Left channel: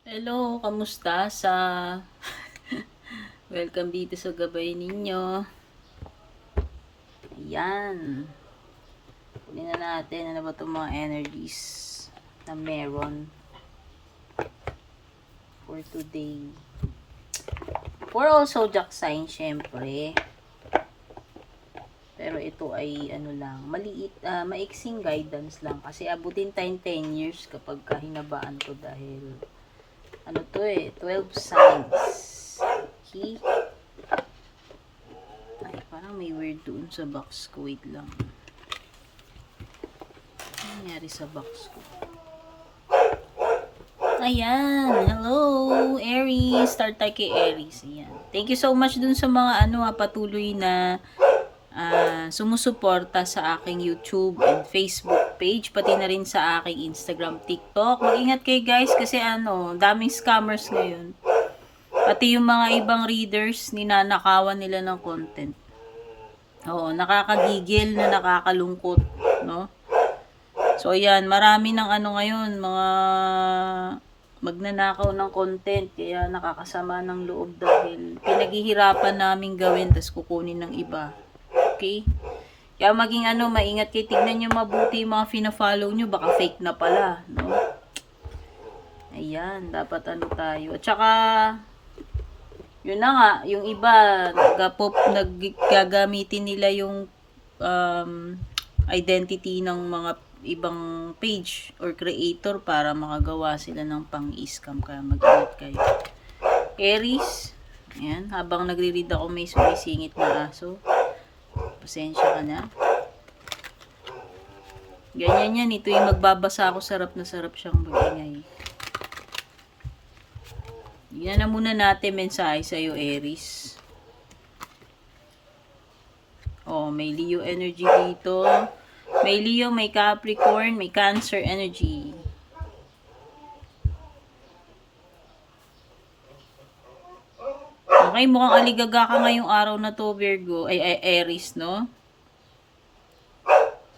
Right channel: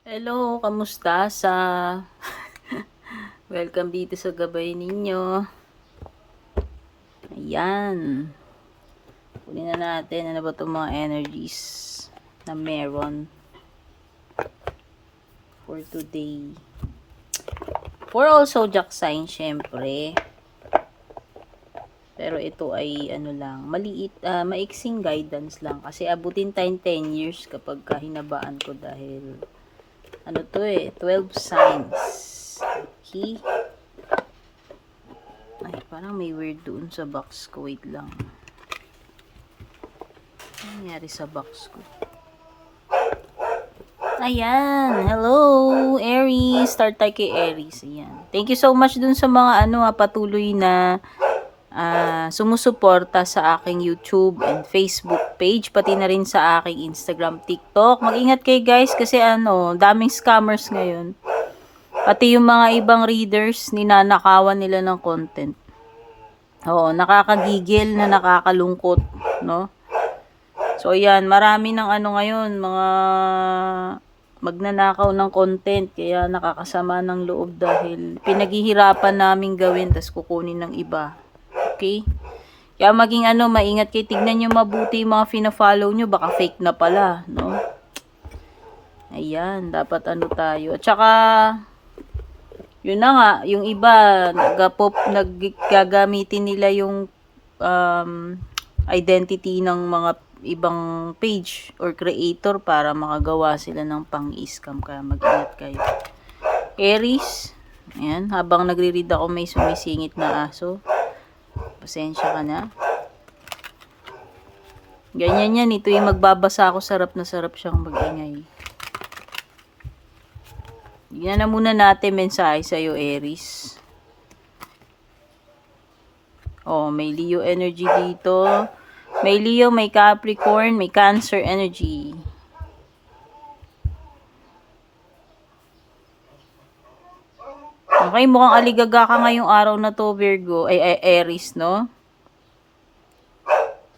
Hello, kamusta welcome dito sa gabay ninyo. Ayan. Kunin na natin ano ba itong mga energies na meron for today. For all zodiac sign, syempre. Pero ito ay ano lang, maliit, maiksing guidance lang. Kasi abutin tayong 10 years kapag hinabaan ko dahil ano to 12 signs. Okay? Ay, parang may weird doon sa box ko. Wait lang. Ano nangyari sa box ko? Ayan. Hello, Aries. Start tayo kay Aries. Ayan. Thank you so much dun sa mga patuloy na sumusuporta sa aking YouTube and Facebook page. Pati na rin sa aking Instagram, TikTok. Mag-ingat kayo guys kasi daming scammers ngayon. Pati yung mga ibang readers, ninanakawan nila ng content. Oo, nakakagigil na nakakalungkot, no? So, ayan, marami ng ngayon, mga magnanakaw ng content, kaya nakakasama ng loob dahil pinaghihirapan namin gawin, tas kukunin ng iba. Okay? Kaya maging maingat kayo, tignan nyo mabuti yung mga fina-follow nyo, baka fake na pala, no? Ayan, dapat tayo. At saka, yun na nga, yung iba, naggagamitin nila yung identity ng mga ibang page or creator para makagawa sila ng pang-scam, kaya mag-ingat kayo. Aries, ayan, habang nagre-read ako may sumisingit na aso. Pasensya ka na. Ganyan yan, ito yung magbabasa ako, sarap na sarap siyang mag-ingay. Yan na muna natin mensahe sa'yo, Aries. Oh, may Leo energy dito. May Leo, may Capricorn, may Cancer energy. Okay, mukhang aligaga ka ngayong araw na to, Virgo. Ay, Aries, no?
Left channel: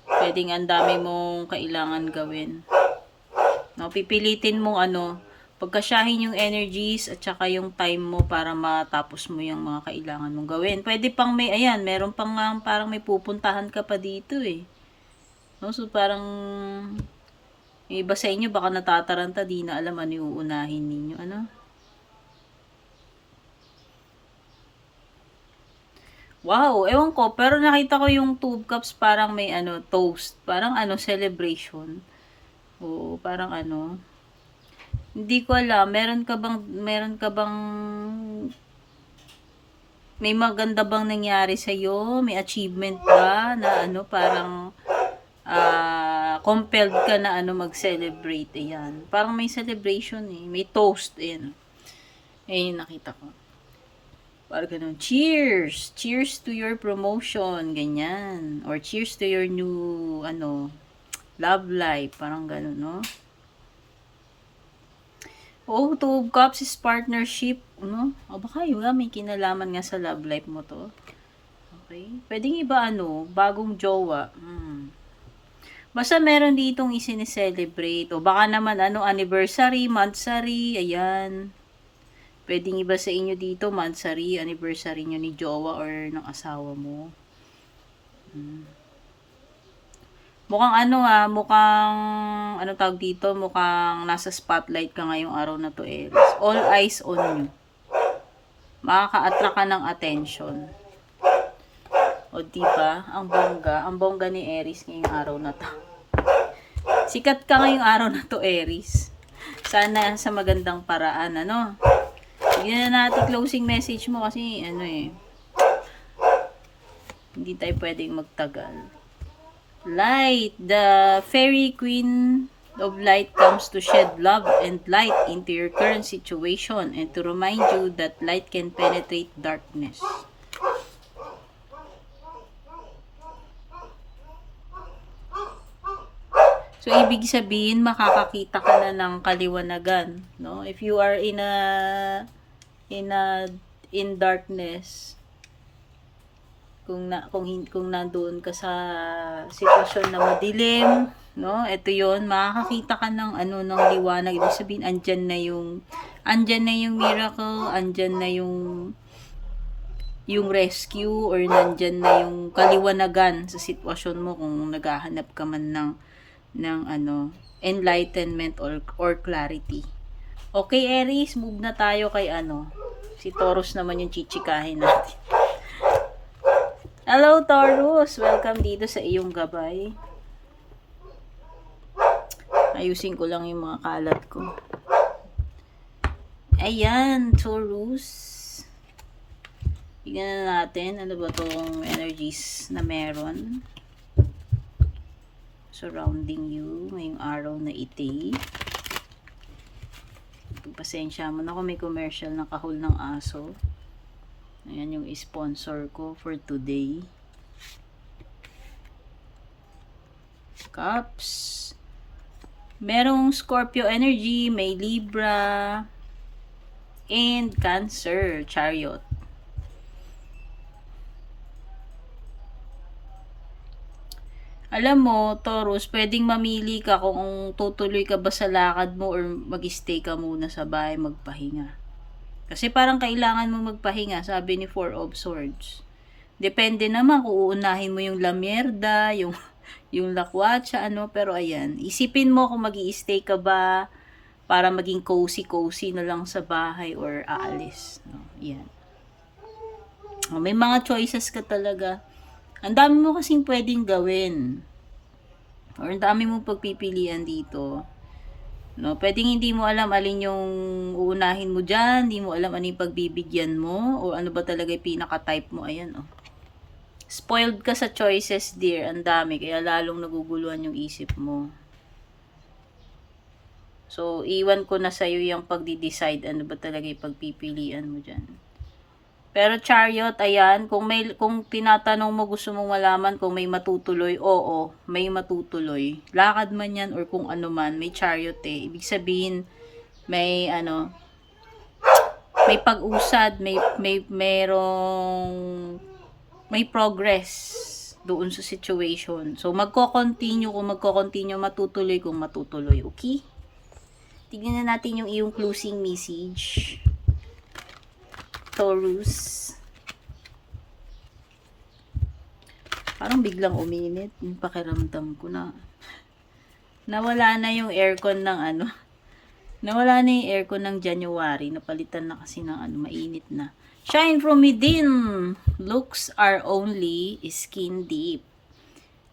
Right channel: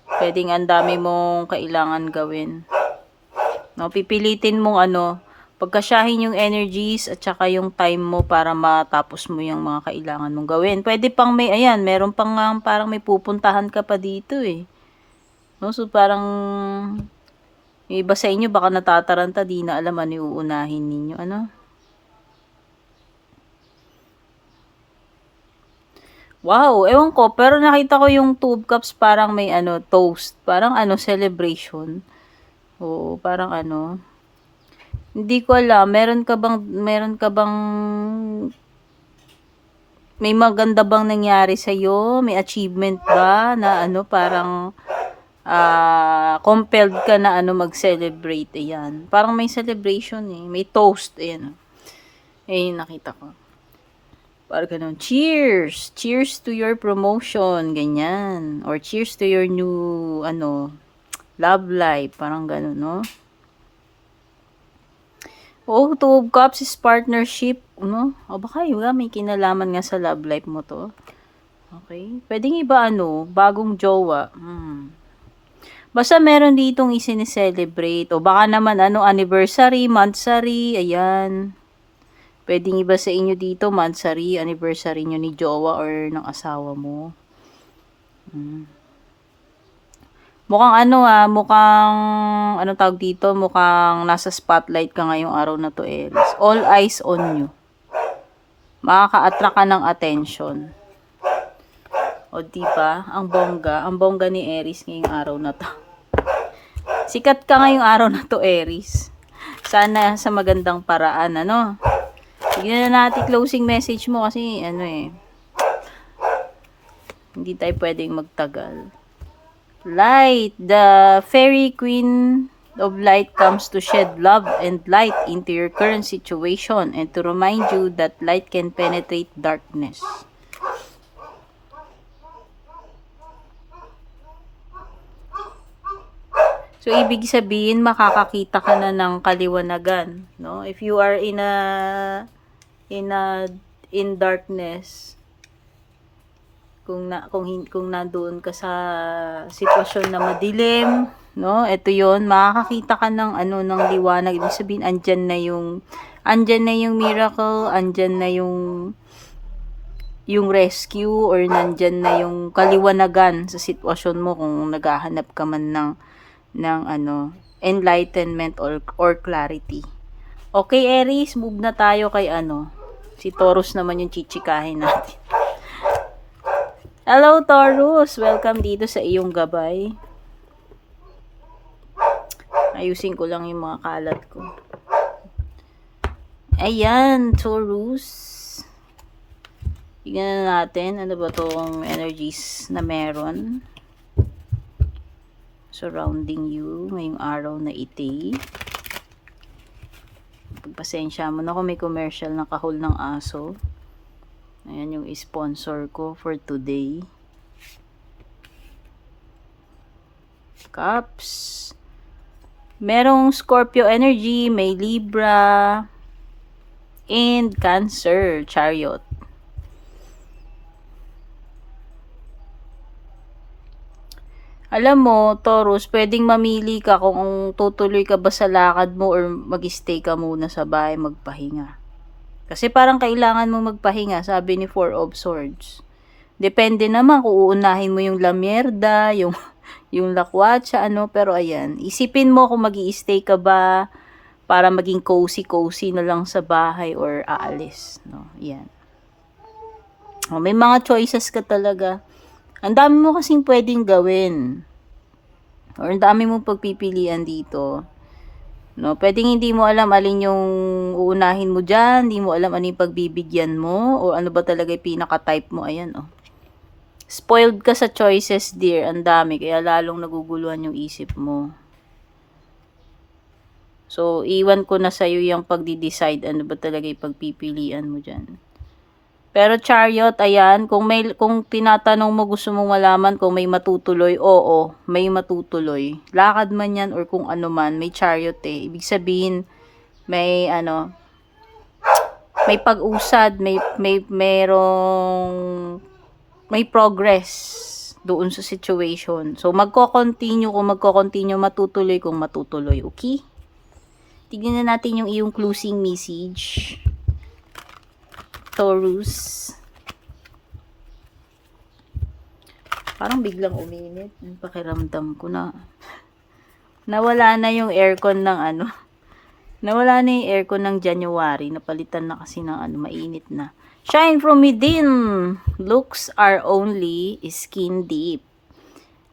Pwedeng ang dami mong kailangan gawin. No, pipilitin mong pagkasyahin yung energies at saka yung time mo para matapos mo yung mga kailangan mong gawin. Pwede pang meron pang parang may pupuntahan ka pa dito eh. No, so parang yung iba sa inyo baka natataranta, di na alam ano yung uunahin ninyo, Wow, ewan ko, pero nakita ko yung Two of Cups parang may toast, parang celebration. Oo, parang hindi ko alam, meron ka bang may maganda bang nangyari sa iyo? May achievement ba na parang compelled ka na mag-celebrate? Ayan. Parang may celebration eh. May toast. Ayan. Ayan, nakita ko. Parang ganun. Cheers! Cheers to your promotion. Ganyan. Or cheers to your new, love life. Parang ganun, no? Oh, Two of Cups is partnership, no? O baka may kinalaman nga sa love life mo to. Okay? Pwedeng iba bagong jowa. Basta meron ditong isinicelebrate. O baka naman anniversary, monthsary, ayan. Pwedeng iba sa inyo dito, monthsary, anniversary nyo ni jowa or ng asawa mo. Mukhang mukhang tawag dito, mukhang nasa spotlight ka ngayong araw na to, Aries. All eyes on you. Makaka-attract ka ng attention. O diba, ang bongga ni Aries ngayong araw na to. Sikat ka ngayong araw na to, Aries. Sana sa magandang paraan, Tignan na natin closing message mo kasi hindi tayo pwedeng magtagal. Light, the fairy queen of light comes to shed love and light into your current situation and to remind you that light can penetrate darkness. So, ibig sabihin, makakakita ka na ng kaliwanagan, no? If you are in darkness, kung nandoon ka sa sitwasyon na madilim, No, ito 'yon, makakakita ka ng ano ng liwanag. Ibig sabihin andyan na yung miracle, andyan na yung rescue, or nandyan na yung kaliwanagan sa sitwasyon mo kung naghahanap ka man ng ano, enlightenment or clarity. Okay, Aries, move na tayo kay ano. Si Taurus naman yung chichikahin natin. Hello, Taurus! Welcome dito sa iyong gabay. Ayusin ko lang yung mga kalat ko. Ayan, Taurus. Tignan na natin, ano ba itong energies na meron surrounding you ngayong araw na iti. Pagpasensya mo na kung may commercial na kahol ng aso. Ayan yung sponsor ko for today. Cups. Merong Scorpio energy, may Libra, and Cancer, Chariot. Alam mo, Taurus, pwedeng mamili ka kung tutuloy ka ba sa lakad mo or mag-stay ka muna sa bahay magpahinga. Kasi parang kailangan mo magpahinga, sabi ni Four of Swords. Depende naman kung uunahin mo yung lamierda, yung lakwatsa, ano, pero ayan. Isipin mo kung mag-i-stay ka ba para maging cozy-cozy na lang sa bahay or aalis, no? Yan. Oh, may mga choices ka talaga. Ang dami mo kasing pwedeng gawin. Or ang dami mo pagpipilian dito. No, pwedeng hindi mo alam alin yung uunahin mo dyan, hindi mo alam ano yung pagbibigyan mo, o ano ba talaga yung pinaka-type mo. Ayan, oh. Spoiled ka sa choices, dear. Ang dami, kaya lalong naguguluhan yung isip mo. So, iwan ko na sa'yo yung pagdi-decide ano ba talaga yung pagpipilian mo dyan. Pero Chariot, ayan, kung tinatanong mo, gusto mong malaman kung may matutuloy, oo, may matutuloy. Lakad man yan or kung ano man, may Chariot eh. Ibig sabihin, may pag-usad, may progress doon sa situation. So, magko-continue matutuloy kung matutuloy, okay? Tignan na natin yung iyong closing message. Taurus. Parang biglang uminit. Pakiramdam ko na nawala na yung aircon ng ano. Nawala na yung aircon ng January. Napalitan na kasi ng ano, mainit na. Shine from within. Looks are only skin deep.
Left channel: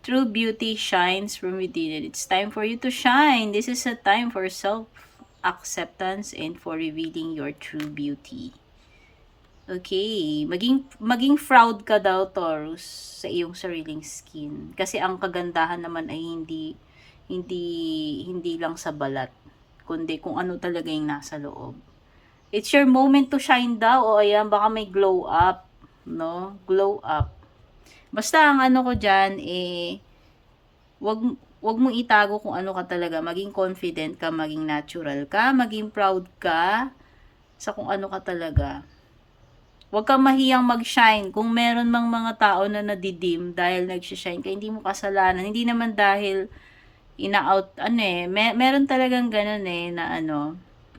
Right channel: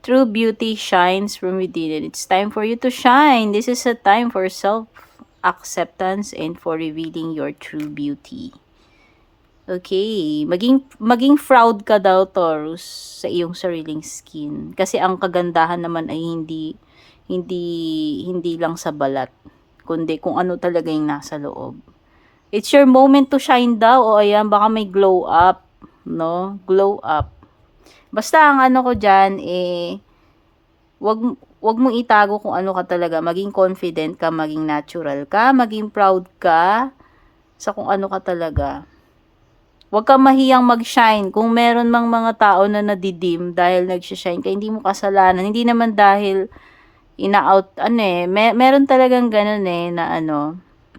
True beauty shines from within. It's time for you to shine. This is a time for self-acceptance and for revealing your true beauty. Okay, maging proud ka daw, Taurus, sa iyong sariling skin. Kasi ang kagandahan naman ay hindi lang sa balat, kundi kung ano talaga yung nasa loob. It's your moment to shine daw. O ayan, baka may glow up, no? Glow up. Basta ang ano ko diyan wag mo itago kung ano ka talaga. Maging confident ka, maging natural ka, maging proud ka sa kung ano ka talaga. Huwag kang mahiyang mag-shine. Kung meron mang mga tao na nadidim dahil nag-shine ka, hindi mo kasalanan. Hindi naman dahil ina-out, meron talagang ganun na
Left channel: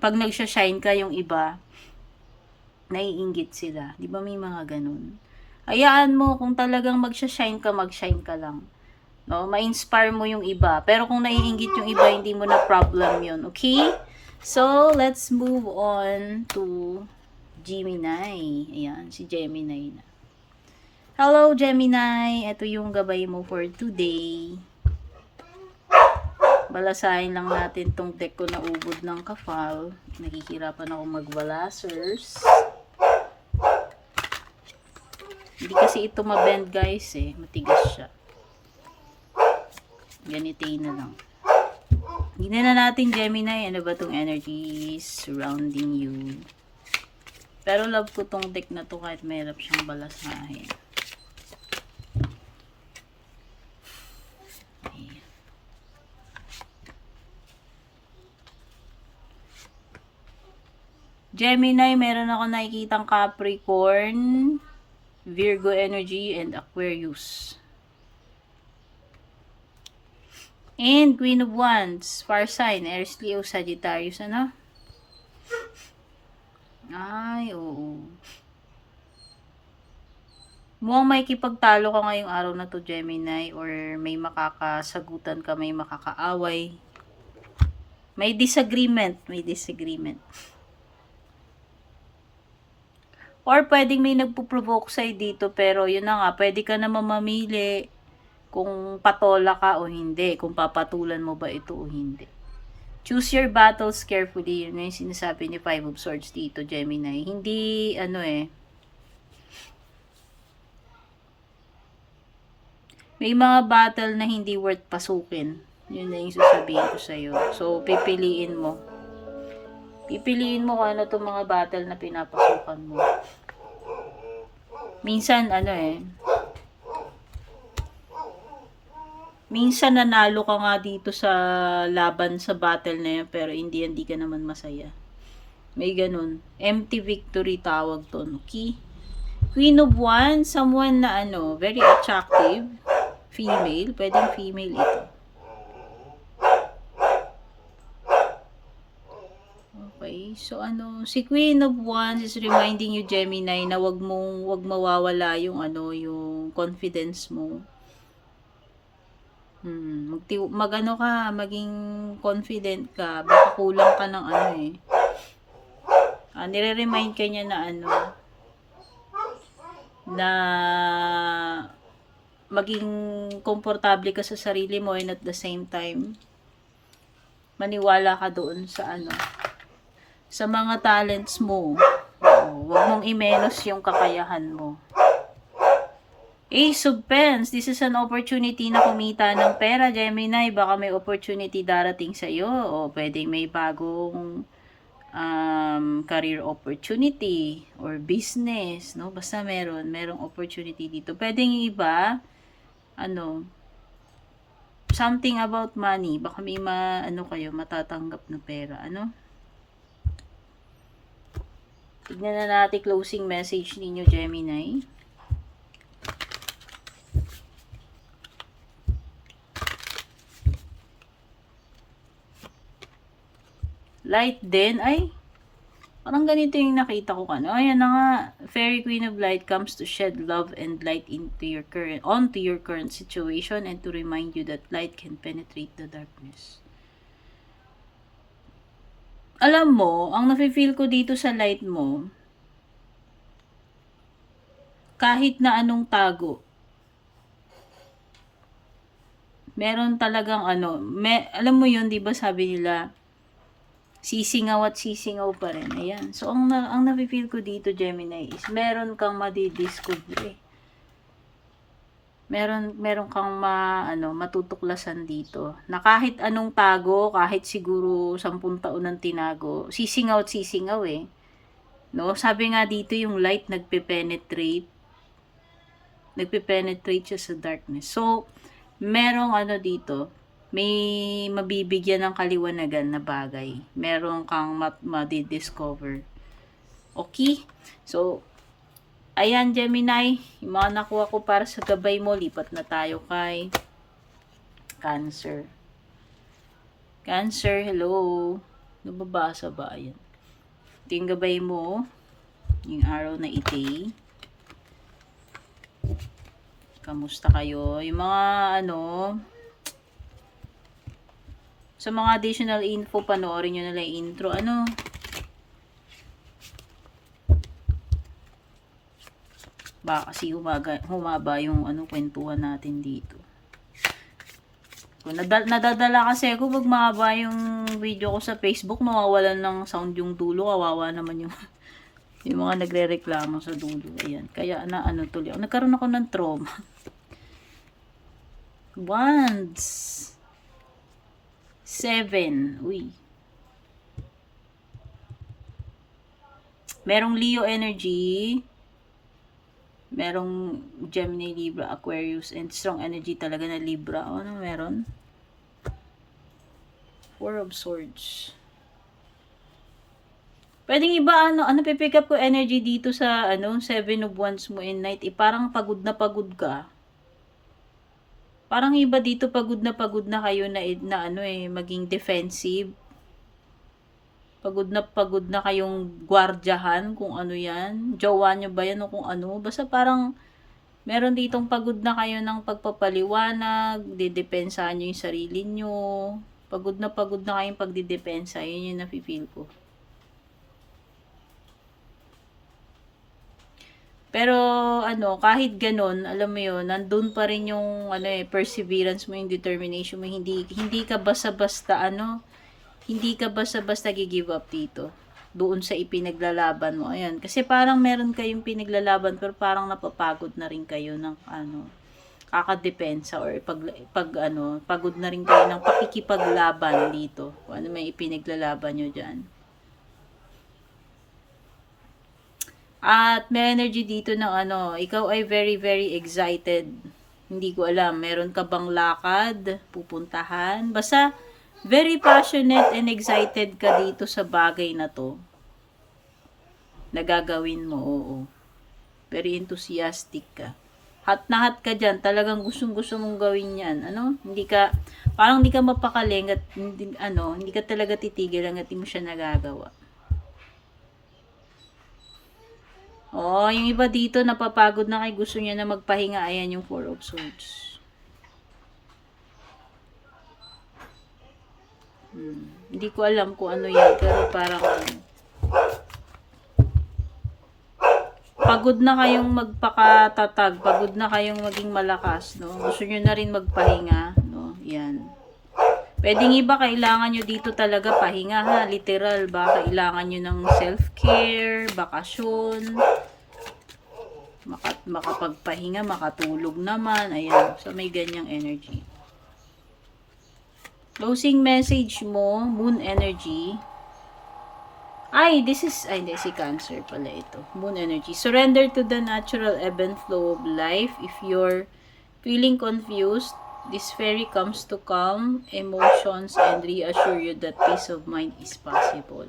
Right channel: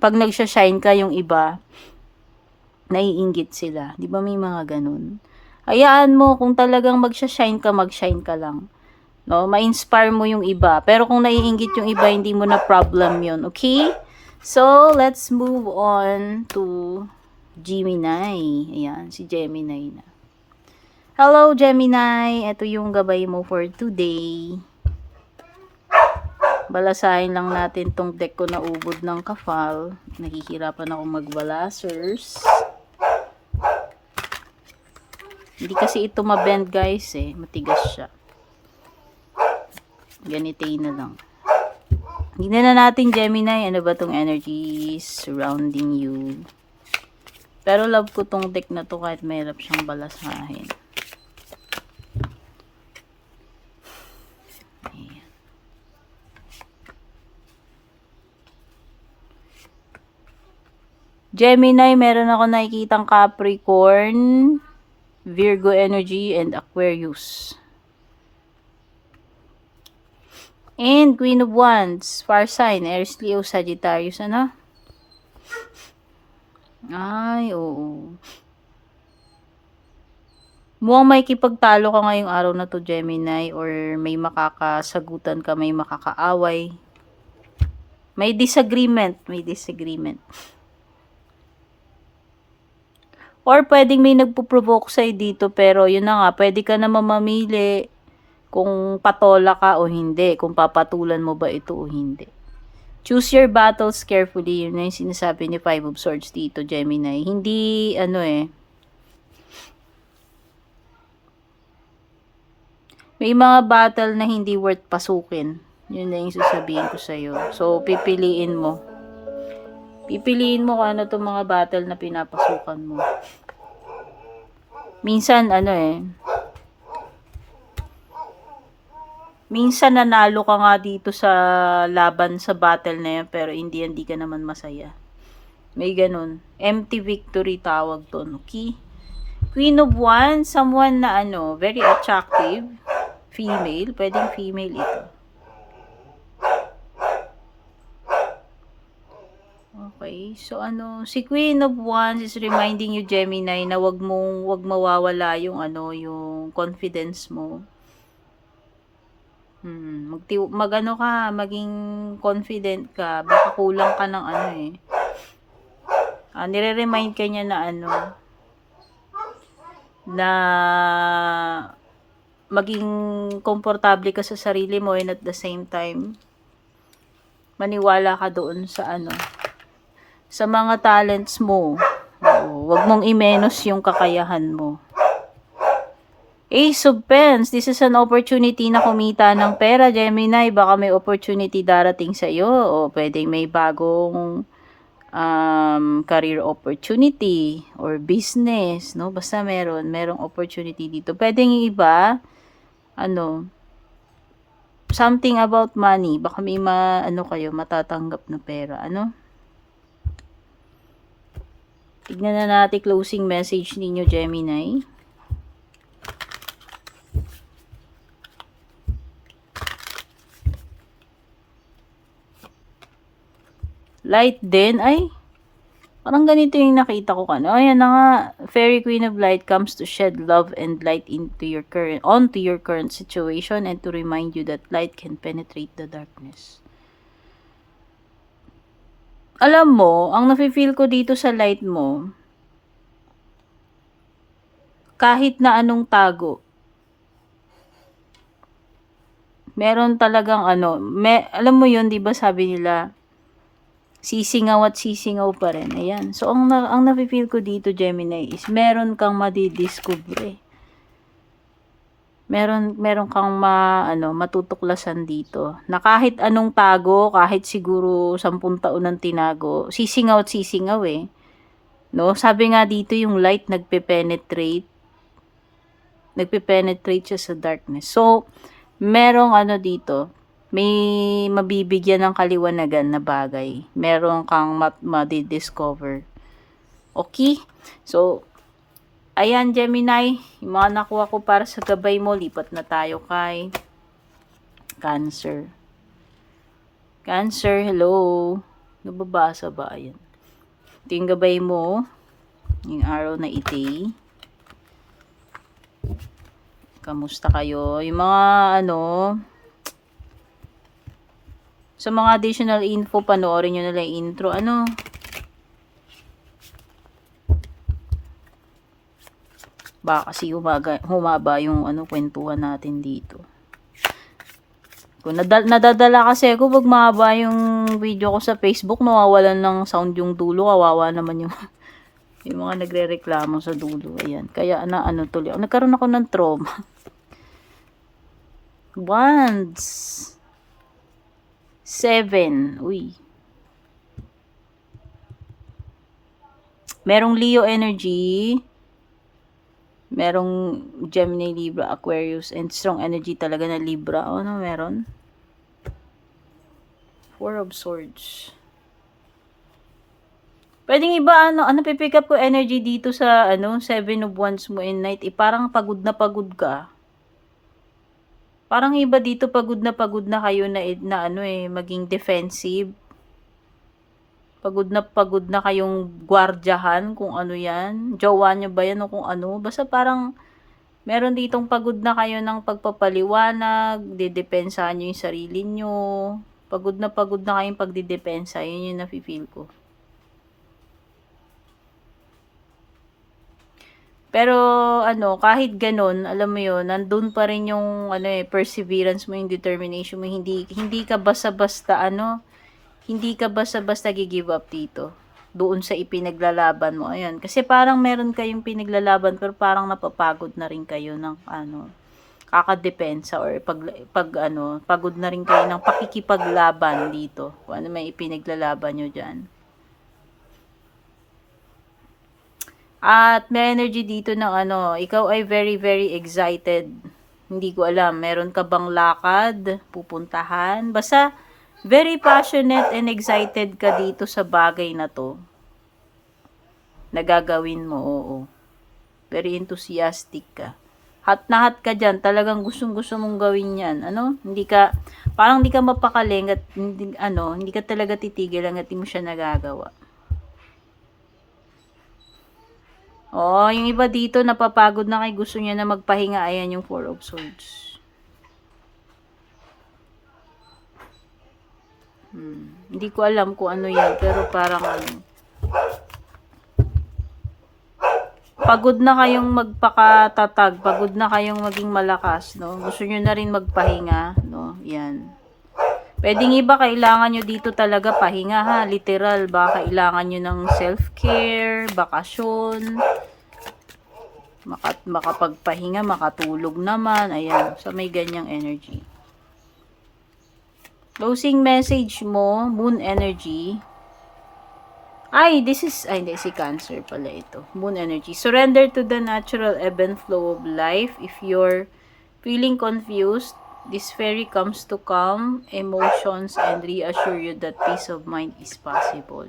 pag nag-shine ka yung iba, naiinggit sila. Di ba may mga ganun? Hayaan mo, kung talagang mag-shine ka lang. No? Ma-inspire mo yung iba. Pero kung naiinggit yung iba, hindi mo na problem yun. Okay? So, let's move on to Gemini. Ayan, si Gemini na. Hello, Gemini. Ito yung gabay mo for today. Balasahin lang natin tong deck ko na ubod ng kafal. Nahihirapan ako magbalasers. Hindi kasi ito mabend, guys, matigas siya. Ganitay na lang. Tignan na natin, Gemini, ano ba tong energies surrounding you. Pero love ko tong deck na to kahit mahirap siyang balasahin. Ayan. Gemini, meron ako nakikitang Capricorn, Virgo energy, and Aquarius. And Queen of Wands, fire sign, Aries, Leo, Sagittarius, ano? Ay, oo. Mukhang may kipagtalo ka ngayong araw na to, Gemini, or may makakasagutan ka, may makakaaway. May disagreement, may disagreement. Or pwedeng may nagpo-provoke sa'yo dito, pero yun na nga, pwede ka naman mamili kung patola ka o hindi, kung papatulan mo ba ito o hindi. Choose your battles carefully, yun na yung sinasabi ni Five of Swords dito, Gemini. Hindi, may mga battle na hindi worth pasukin. Yun na yung sasabihin ko sa'yo. So, pipiliin mo. Pipiliin mo kung ano itong mga battle na pinapasukan mo. Minsan, minsan nanalo ka nga dito sa laban sa battle na yan, pero hindi ka naman masaya. May ganun. Empty victory tawag to, okay? Queen of Wands, someone na very attractive. Female, pwedeng female ito. Okay, so si Queen of Wands is reminding you, Gemini, na wag mawawala yung yung confidence mo. Maging confident ka, baka kulang ka ng nire-remind ka niya na na maging komportable ka sa sarili mo, and at the same time maniwala ka doon sa sa mga talents mo. Wag mong i-menos yung kakayahan mo. Ace of Pens, this is an opportunity na kumita ng pera, Gemini. Baka may opportunity darating sa iyo, o pwedeng may bagong career opportunity or business, no? Basta merong opportunity dito. Pwedeng yung iba something about money, baka may kayo matatanggap na pera, tignan na natin closing message ninyo, Gemini. Light din, ay parang ganito yung nakita ko ayan na nga, Fairy Queen of Light comes to shed love and light onto your current situation, and to remind you that light can penetrate the darkness. Alam mo, ang nafe-feel ko dito sa light mo, kahit na anong tago, meron talagang alam mo yun, di ba sabi nila, sisingaw at sisingaw pa rin. Ayan. So, ang nafe-feel ko dito, Gemini, is meron kang madidiscover. Meron kang matutuklasan dito. Na kahit anong tago, kahit siguro 10 taon ng tinago, sisingaw at sisingaw No? Sabi nga dito, yung light nagpe-penetrate siya sa darkness. So, merong dito, may mabibigyan ng kaliwanagan na bagay. Meron kang madidiscover. Okay? So, ayan, Gemini, yung mga nakuha ko para sa gabay mo, lipat na tayo kay Cancer. Cancer, hello. Nababasa ba? Ayan. Ito yung gabay mo, yung araw na iti. Kamusta kayo? Yung mga sa mga additional info, panoorin nyo na lang intro. Baka kasi humaba yung kwentuhan natin dito. Kung nadadala kasi ako pag mahaba yung video ko sa Facebook, nawawalan ng sound yung dulo. Kawawa naman yung mga nagre-reklamo sa dulo. Ayan. Kaya tuloy. Nagkaroon ako ng trauma. Wands. 7. Uy. Merong Leo energy. Merong Gemini, Libra, Aquarius, and strong energy talaga na Libra. Meron? 4 of Swords. Pwedeng iba, pipick up ko energy dito sa, 7 of Wands mo in night. Parang pagod na pagod ka. Parang iba dito pagod na kayo na ano maging defensive. Pagod na kayong gwardyahan kung ano yan. Jowa nyo ba yan o kung ano. Basta parang meron ditong pagod na kayo ng pagpapaliwanag, didepensahan nyo yung sarili nyo. Pagod na kayong pagdidepensa. Yun yung nafe-feel ko. Pero ano, kahit ganun, alam mo yun, nandun pa rin yung perseverance mo, yung determination mo, hindi ka basta-basta hindi ka basta-basta gi-give up dito. Doon sa ipinaglalaban mo. Ayan, kasi parang meron kayong pinaglalaban pero parang napapagod na rin kayo ng kakadepensa or pagod na rin kayo ng pakikipaglaban dito. Kung ano may ipinaglalaban nyo dyan. At may energy dito ng ikaw ay very very excited. Hindi ko alam, meron ka bang lakad, pupuntahan? Basta very passionate and excited ka dito sa bagay na to. Nagagawin mo, oo. Very enthusiastic ka. Hat na hat ka dyan, talagang gustong-gusto mong gawin yan. Parang hindi ka mapakaling at hindi ka talaga titigil hanggat hindi mo siya nagagawa. Oh, yung iba dito napapagod na kay gusto niya na magpahinga. Ayan yung 4 of Swords. Hindi ko alam kung ano yan, pero parang pagod na kayong magpakatatag, pagod na kayong maging malakas, no? Gusto niyo na rin magpahinga, no? Yan. Pwedeng iba kailangan nyo dito talaga pahinga ha, literal, baka kailangan nyo ng self-care, bakasyon, makapagpahinga, makatulog naman, ayan, so may ganyang energy. Closing message mo, moon energy. Hindi, si Cancer pala ito. Moon energy. Surrender to the natural ebb and flow of life. If you're feeling confused, this fairy comes to calm emotions and reassure you that peace of mind is possible.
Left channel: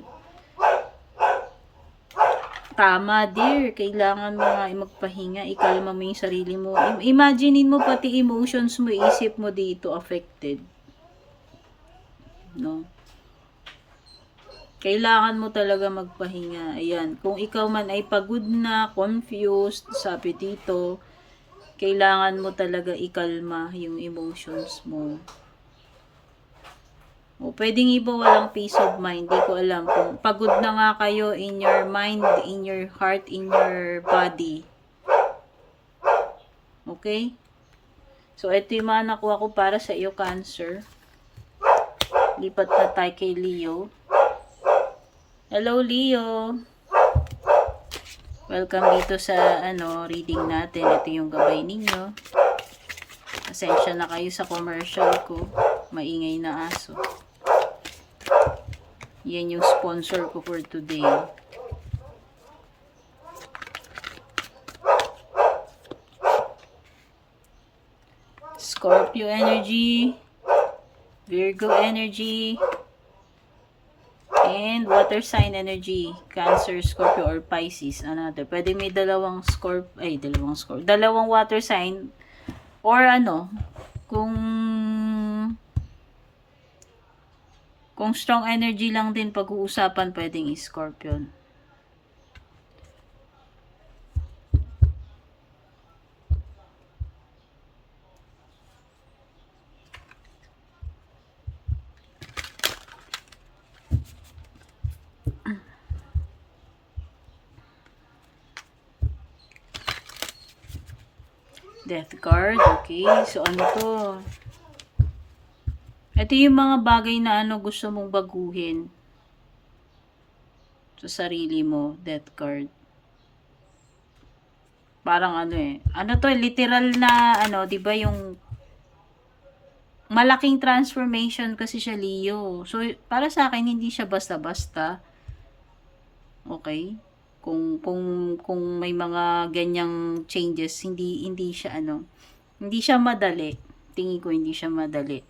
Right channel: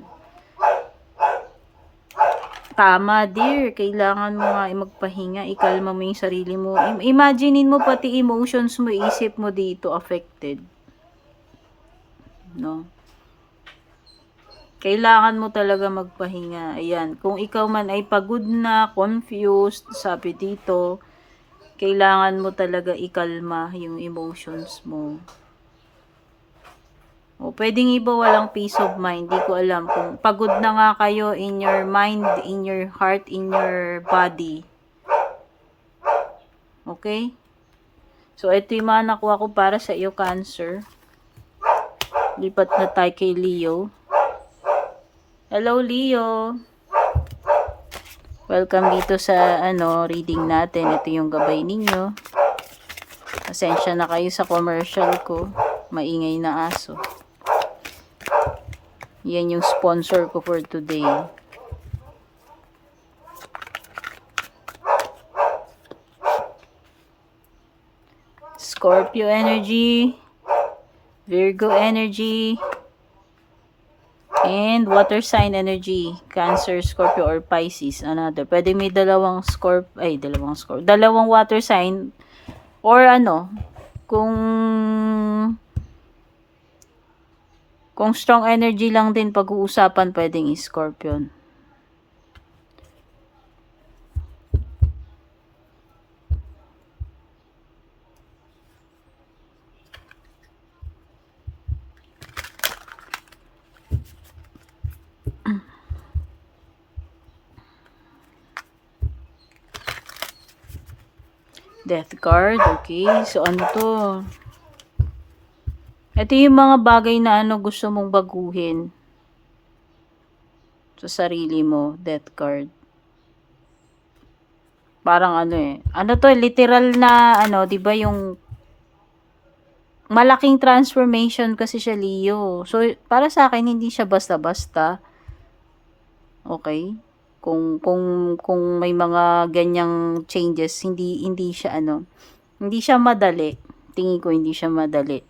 Tama, dear. Kailangan mo nga magpahinga. Ikalma mo yung sarili mo. Imaginein mo pati emotions mo, isip mo dito affected. No? Kailangan mo talaga magpahinga. Ayan. Kung ikaw man ay pagod na, confused, sabi dito, kailangan mo talaga ikalma yung emotions mo. O, pwedeng iba walang peace of mind. Di ko alam kung pagod na nga kayo in your mind, in your heart, in your body. Okay? So, ito yung mga nakuha ko para sa iyo, Cancer. Lipat na tayo kay Leo. Hello, Leo. Welcome dito sa reading natin. Ito yung gabay ninyo. Pasensya na kayo sa commercial ko. Maingay na aso. Yan yung sponsor ko for today. Scorpio energy, Virgo energy, and water sign energy, Cancer, Scorpio, or Pisces. Another. Pwede may dalawang water sign, or kung strong energy lang din pag-uusapan, pwedeng Scorpion. Death card, okay. So, ano to? Ito yung mga bagay na gusto mong baguhin sa sarili mo. Death card. Parang literal na, di ba yung malaking transformation kasi siya, Leo. So, para sa akin, hindi siya basta-basta. Okay? Kung may mga ganyang changes, hindi siya madali. Tingin ko hindi siya madali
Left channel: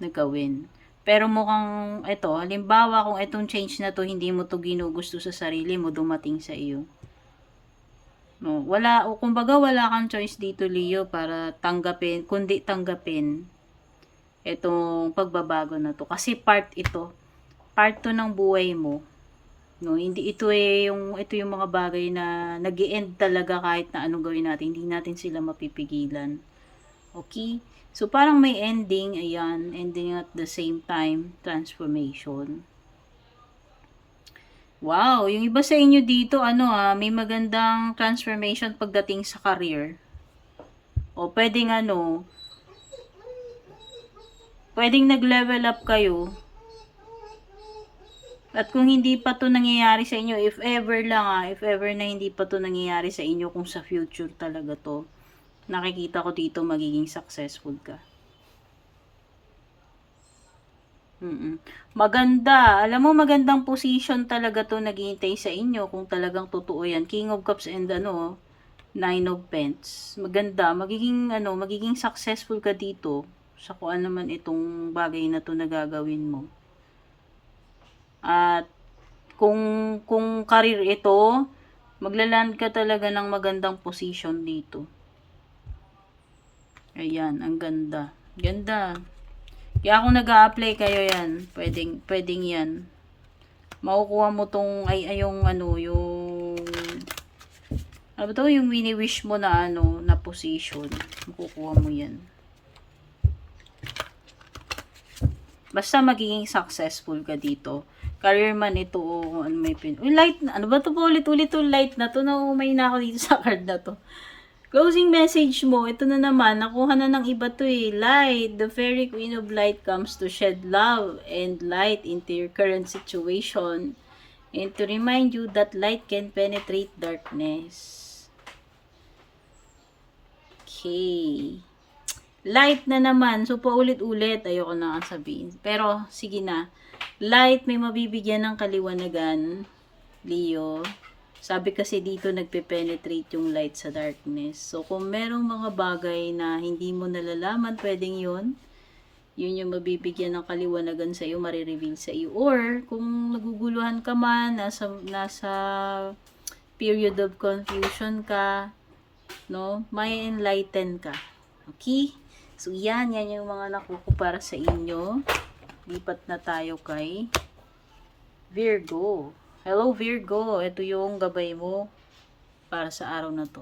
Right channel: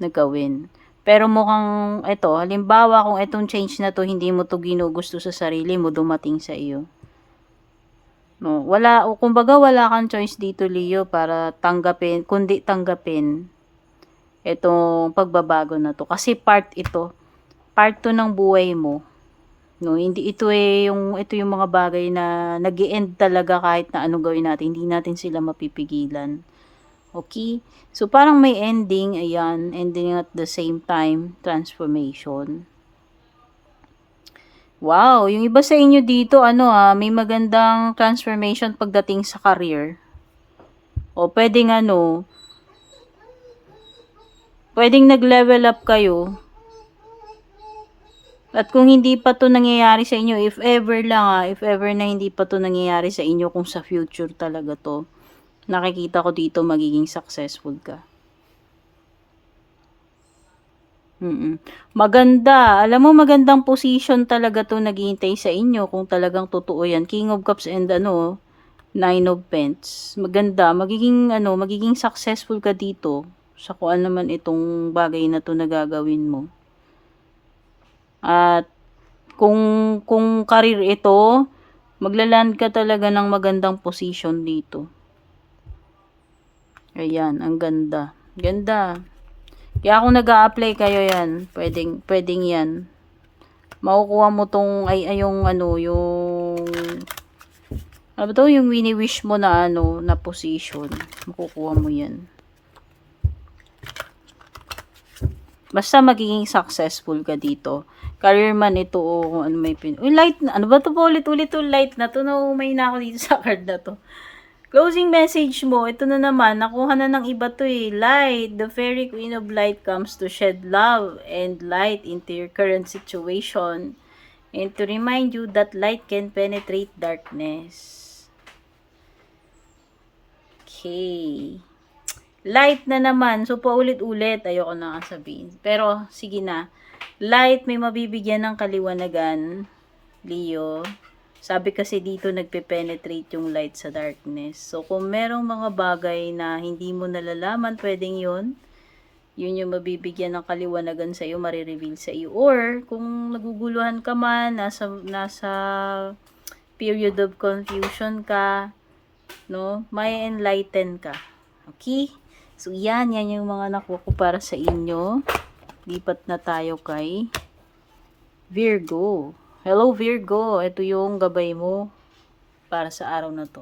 na gawin. Pero mukhang halimbawa kung itong change na to hindi mo to ginugusto sa sarili mo, dumating sa iyo. No, o kumbaga wala kang choice dito, Leo, para tanggapin, kundi tanggapin itong pagbabago na to. Kasi part to ng buhay mo. No, hindi ito yung mga bagay na nag-e-end talaga kahit na anong gawin natin, hindi natin sila mapipigilan. Okay? So parang may ending, ayan, ending at the same time, transformation. Wow, yung iba sa inyo dito, may magandang transformation pagdating sa career. O pwedeng nag-level up kayo. At kung hindi pa to nangyayari sa inyo, if ever na hindi pa to nangyayari sa inyo, kung sa future talaga to, nakikita ko dito magiging successful ka. Maganda. Alam mo, magandang position talaga to naghihintay sa inyo kung talagang totoo yan. King of Cups and Nine of Pentacles. Maganda. Magiging successful ka dito sa kung ano naman itong bagay na to na gagawin mo. At kung career ito, maglaland ka talaga ng magandang position dito. Ayan, ang ganda. Ganda. Kaya kung nag-a-apply kayo yan, pwedeng yan. Makukuha mo tong, yung yung wini-wish mo na na position. Makukuha mo yan. Basta magiging successful ka dito. Career man ito o may light na. Ano ba to po ulit-ulit yung light na to? Naumay na ako dito sa card na to. Closing message mo, ito na naman, nakuha na ng iba to Light, the fairy queen of light comes to shed love and light into your current situation and to remind you that light can penetrate darkness. Okay. Light na naman, so paulit-ulit, ayoko na sabihin. Pero, sige na. Light, may mabibigyan ng kaliwanagan, Leo. Sabi kasi dito nagpe-penetrate yung light sa darkness. So kung merong mga bagay na hindi mo nalalaman, pwedeng yun yung mabibigyan ng kaliwanagan sa iyo, marireveal sa iyo. Or kung naguguluhan ka man, nasa period of confusion ka, no, may enlighten ka. Okay? So yan yung mga nakuha para sa inyo. Lipat na tayo kay Virgo. Hello Virgo, ito yung gabay mo para sa araw na to.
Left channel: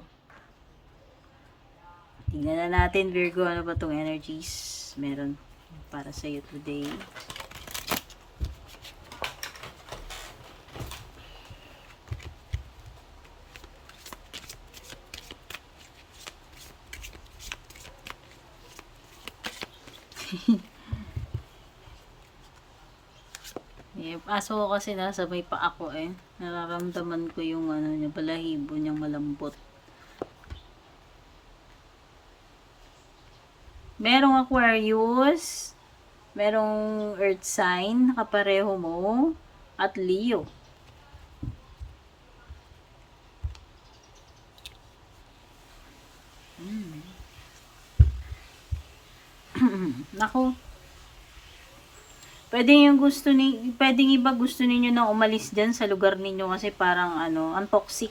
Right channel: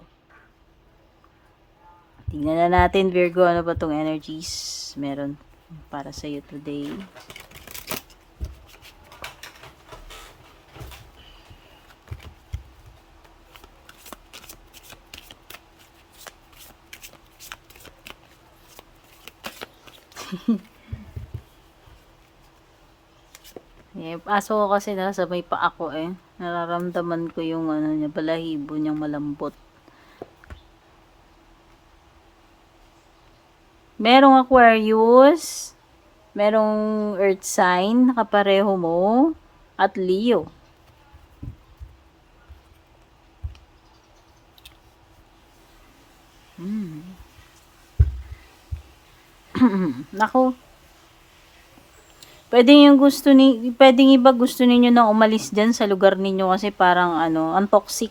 Tingnan na natin Virgo, ano ba tong energies meron para sa iyo today. Aso ko kasi nasa may pa ako nararamdaman ko yung balahibo niyang malambot. Merong Aquarius, merong Earth sign, nakapareho mo, at Leo. Nako. Pwedeng iba gusto ninyo na umalis dyan sa lugar ninyo kasi parang ang toxic.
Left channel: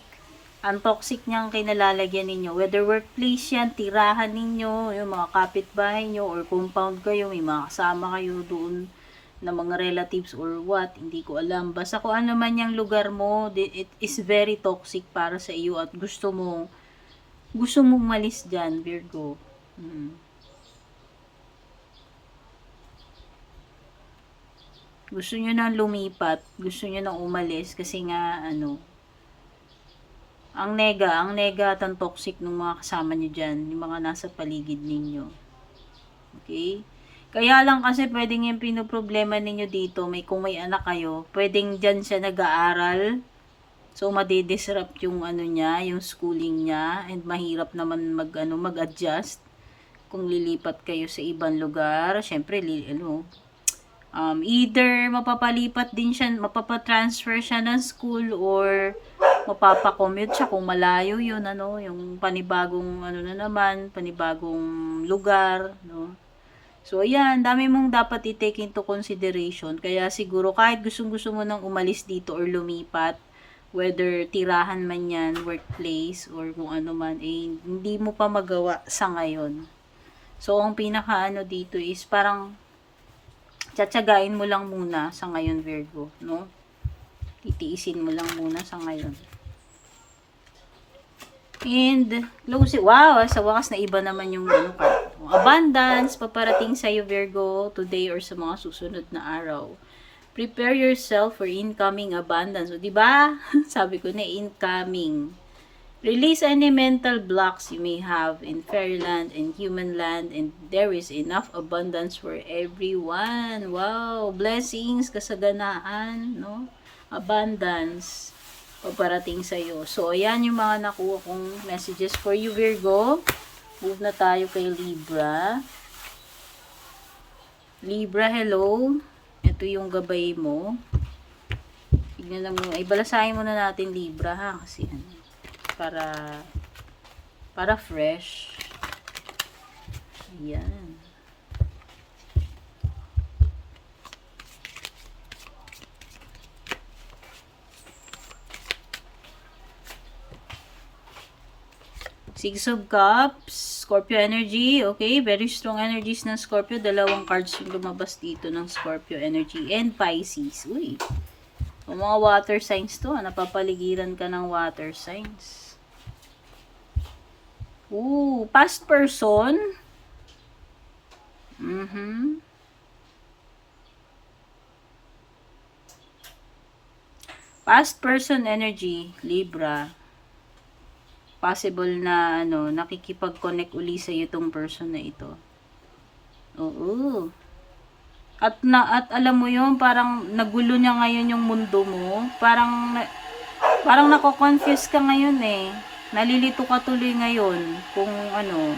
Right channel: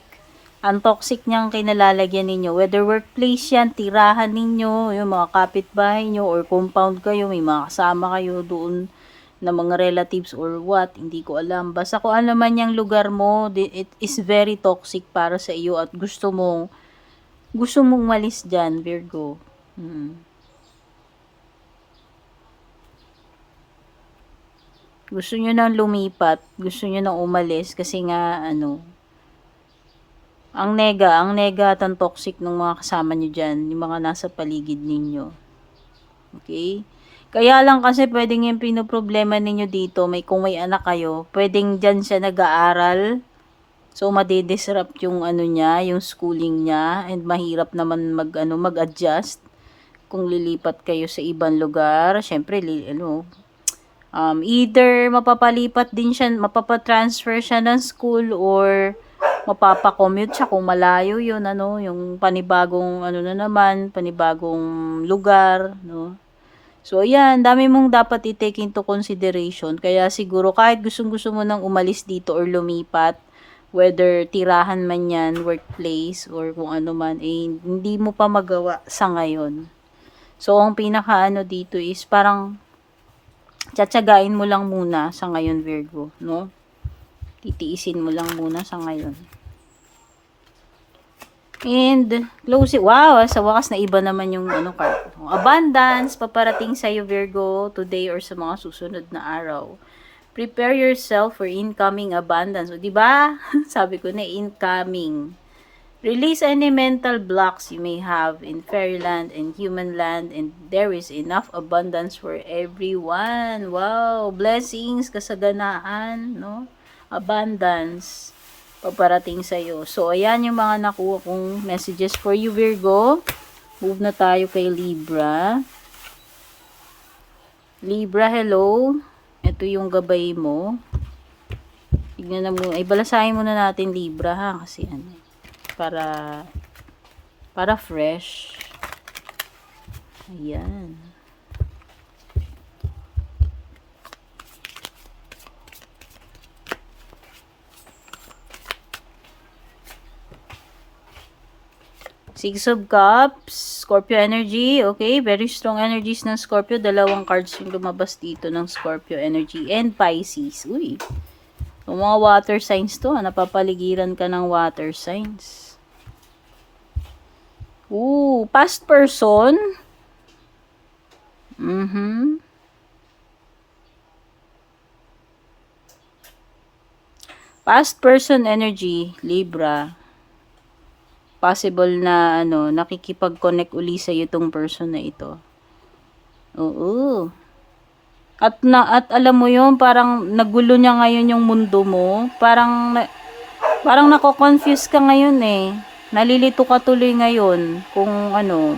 Ang toxic niyang kinalalagyan ninyo. Whether workplace yan, tirahan ninyo, yung mga kapitbahay nyo, or compound kayo, may mga kasama kayo doon na mga relatives or what, hindi ko alam. Basta kung ano man yung lugar mo, it is very toxic para sa iyo at gusto mong umalis dyan, Virgo. Gusto nyo nang lumipat, gusto nyo nang umalis kasi nga ang nega at ang toxic ng mga kasama nyo dyan, yung mga nasa paligid ninyo. Okay? Kaya lang kasi pwedeng yung pinoproblema ninyo dito, kung may anak kayo, pwedeng dyan siya nag-aaral, so madidisrupt yung niya, yung schooling niya, and mahirap naman mag-adjust kung lilipat kayo sa ibang lugar. Syempre, either mapapatransfer siya ng school or mapapakommute siya kung malayo yun, yung panibagong panibagong lugar, no. So, ayan, dami mong dapat i-take into consideration. Kaya siguro kahit gustong-gusto mo nang umalis dito or lumipat, whether tirahan man yan, workplace, or kung ano man, eh, hindi mo pa magawa sa ngayon. So, ang pinaka-ano dito is parang tsatsagain mo lang muna sa ngayon, Virgo, no? Titiisin mo lang muna sa ngayon. And, close it. Wow, sa wakas na iba naman yung ano, card. Abundance, paparating sa'yo, Virgo, today or sa mga susunod na araw. Prepare yourself for incoming abundance. O, diba? Sabi ko na, incoming. Release any mental blocks you may have in fairyland and human land, and there is enough abundance for everyone. Wow! Blessings, kasaganaan, no? Abundance, paparating sa'yo. So, ayan yung mga nakuha kong messages for you, Virgo. Move na tayo kay Libra. Libra, hello. Ito yung gabay mo. Tignan na muna. Ibalasahin muna natin, Libra, ha? Kasi ano, para fresh. Ayan. Six of Cups, Scorpio energy. Okay, very strong energies ng Scorpio. Dalawang cards yung lumabas dito ng Scorpio energy. And Pisces. Uy. Yung mga water signs to, napapaligiran ka ng water signs. Ooh, past person. Past person energy, Libra. Possible na ano, nakikipag-connect uli sa itong person na ito. Oo. At alam mo yun, parang nagulo niya ngayon yung mundo mo. Parang nako-confuse ka ngayon eh. Nalilito ka tuloy ngayon kung ano,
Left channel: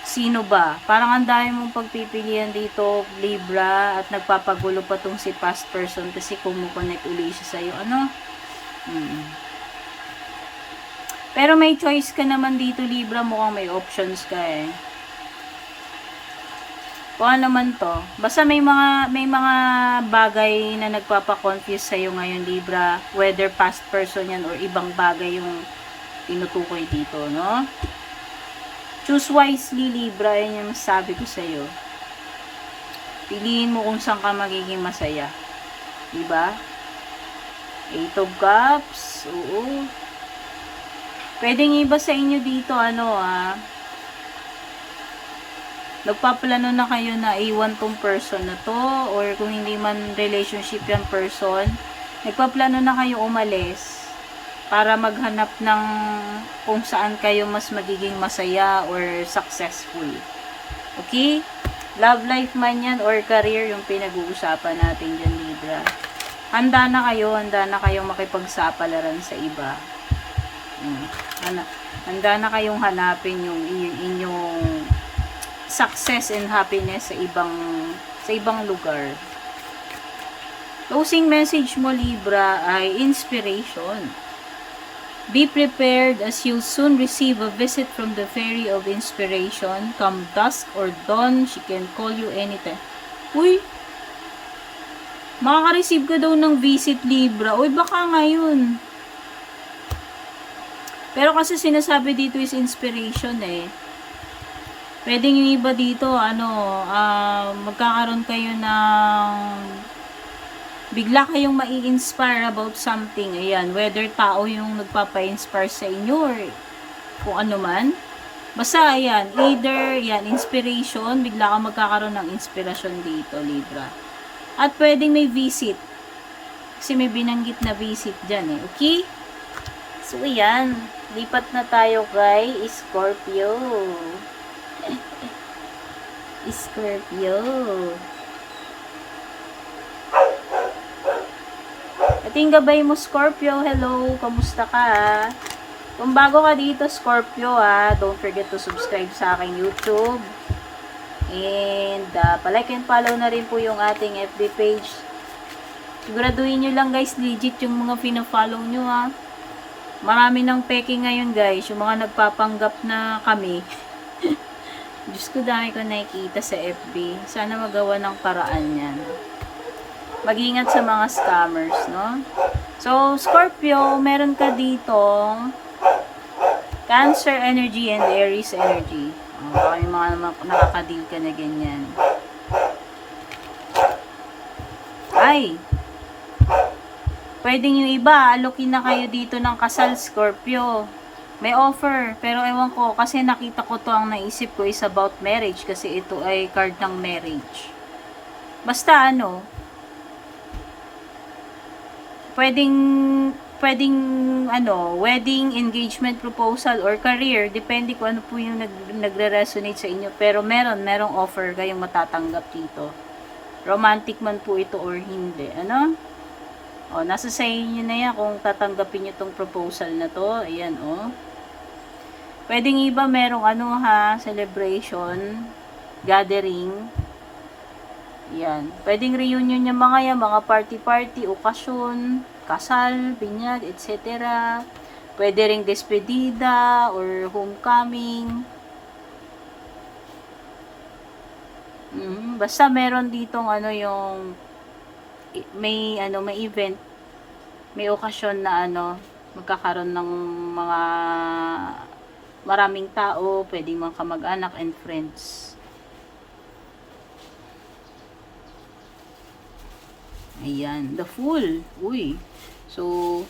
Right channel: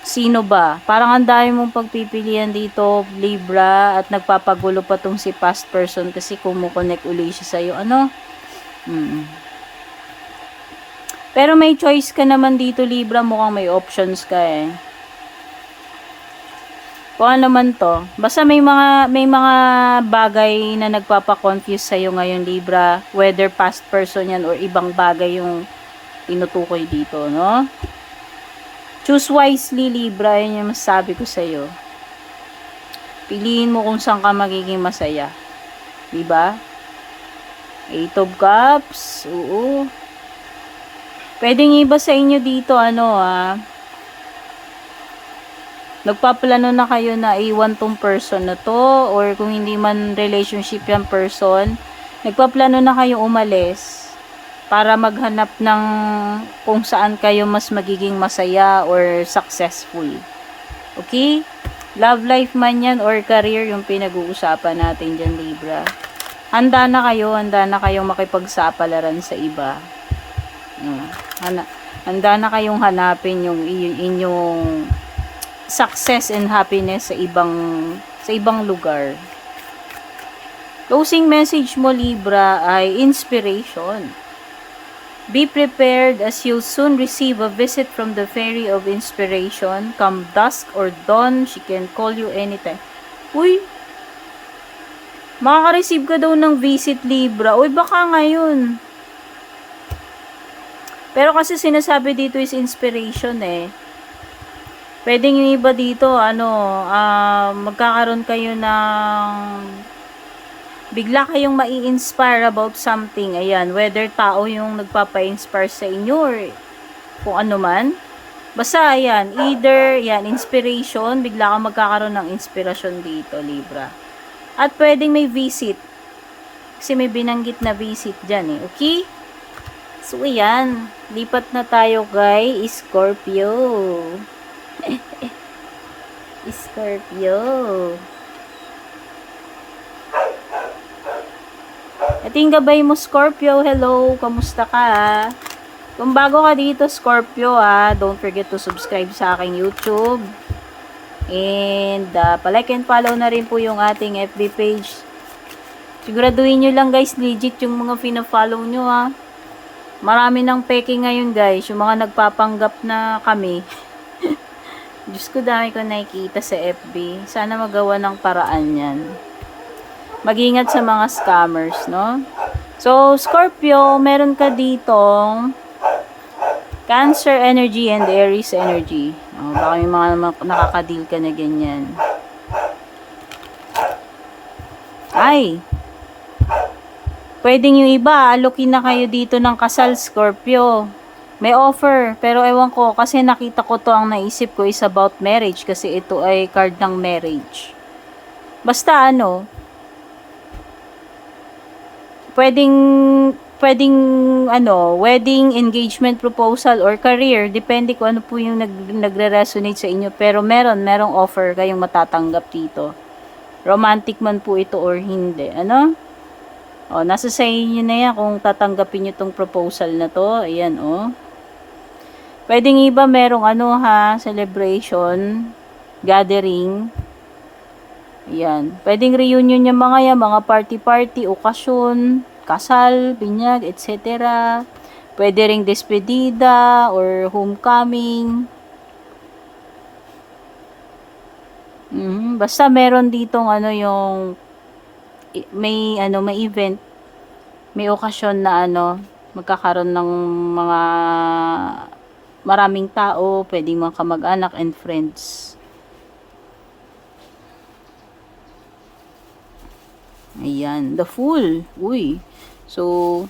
sino ba. Parang ang dami mong pagpipilian dito, Libra, at nagpapagulo pa tong si past person kasi kumukonect uli siya sa'yo. Ano? Pero may choice ka naman dito, Libra. Mukhang may options ka eh. Kung ano naman to. Basta may mga bagay na nagpapa-confuse sa'yo ngayon, Libra. Whether past person yan or ibang bagay yung tinutukoy dito, no? Choose wisely, Libra. Yan yung masabi ko sa'yo. Piliin mo kung saan ka magiging masaya. Diba? Eight of Cups. Oo. Pwedeng iba sa inyo dito, nagpaplano na kayo na iwan tong person na to, or kung hindi man relationship yung person, nagpaplano na kayo umalis para maghanap ng kung saan kayo mas magiging masaya or successful. Okay? Love life man yan or career yung pinag-uusapan natin dyan, Libra. Handa na kayong makipagsapalaran sa iba. Handa na kayong hanapin yung inyong success and happiness sa ibang lugar. Closing message mo, Libra, ay inspiration. Be prepared as you'll soon receive a visit from the fairy of inspiration. Come dusk or dawn, she can call you anytime. Uy! Makaka-receive ka daw ng visit, Libra. Uy, baka ngayon. Pero kasi sinasabi dito is inspiration eh. Pwedeng yung iba dito, magkakaroon kayo ng bigla kayong mai-inspire about something. Ayan, whether tao yung nagpapa-inspire sa inyo or kung ano man. Basta, ayan, either, inspiration, bigla kang magkakaroon ng inspirasyon dito, Libra. At pwedeng may visit. Kasi may binanggit na visit dyan eh, okay? So, ayan, lipat na tayo kay Scorpio. Scorpio. Ating gabay mo, Scorpio. Hello, kamusta ka? Kung bago ka dito, Scorpio, don't forget to subscribe sa aking YouTube. And, palike and follow na rin po yung ating FB page. Siguraduhin nyo lang, guys, legit yung mga pina-follow nyo, Marami ng peke ngayon, guys. Yung mga nagpapanggap na kami. Diyos ko, dami ko nakikita sa FB. Sana magawa ng paraan yan. Mag-ingat sa mga scammers, no? So, Scorpio, meron ka ditong Cancer energy and Aries energy. Baka may mga nakaka-deal ka na ganyan. Ay! Pwedeng yung iba, alokin na kayo dito ng kasal, Scorpio. May offer, pero ewan ko, kasi nakita ko to, ang naisip ko is about marriage, kasi ito ay card ng marriage. Basta ano, pwedeng wedding, engagement proposal, or career, depende kung ano po yung nagre-resonate sa inyo, pero merong offer kayong matatanggap dito. Romantic man po ito or hindi, ano? O, nasa sa inyo na yan kung tatanggapin nyo tong proposal na to. Ayan, o. Pwedeng iba merong celebration, gathering. Ayan. Pwedeng reunion yung mga yan, mga party-party, okasyon, kasal, binyag, etc. Pwede ring despedida or homecoming. Basta meron ditong may event, may okasyon na magkakaroon ng mga maraming tao, pwedeng mga kamag-anak and friends. Ayan, the Fool. Uy. So,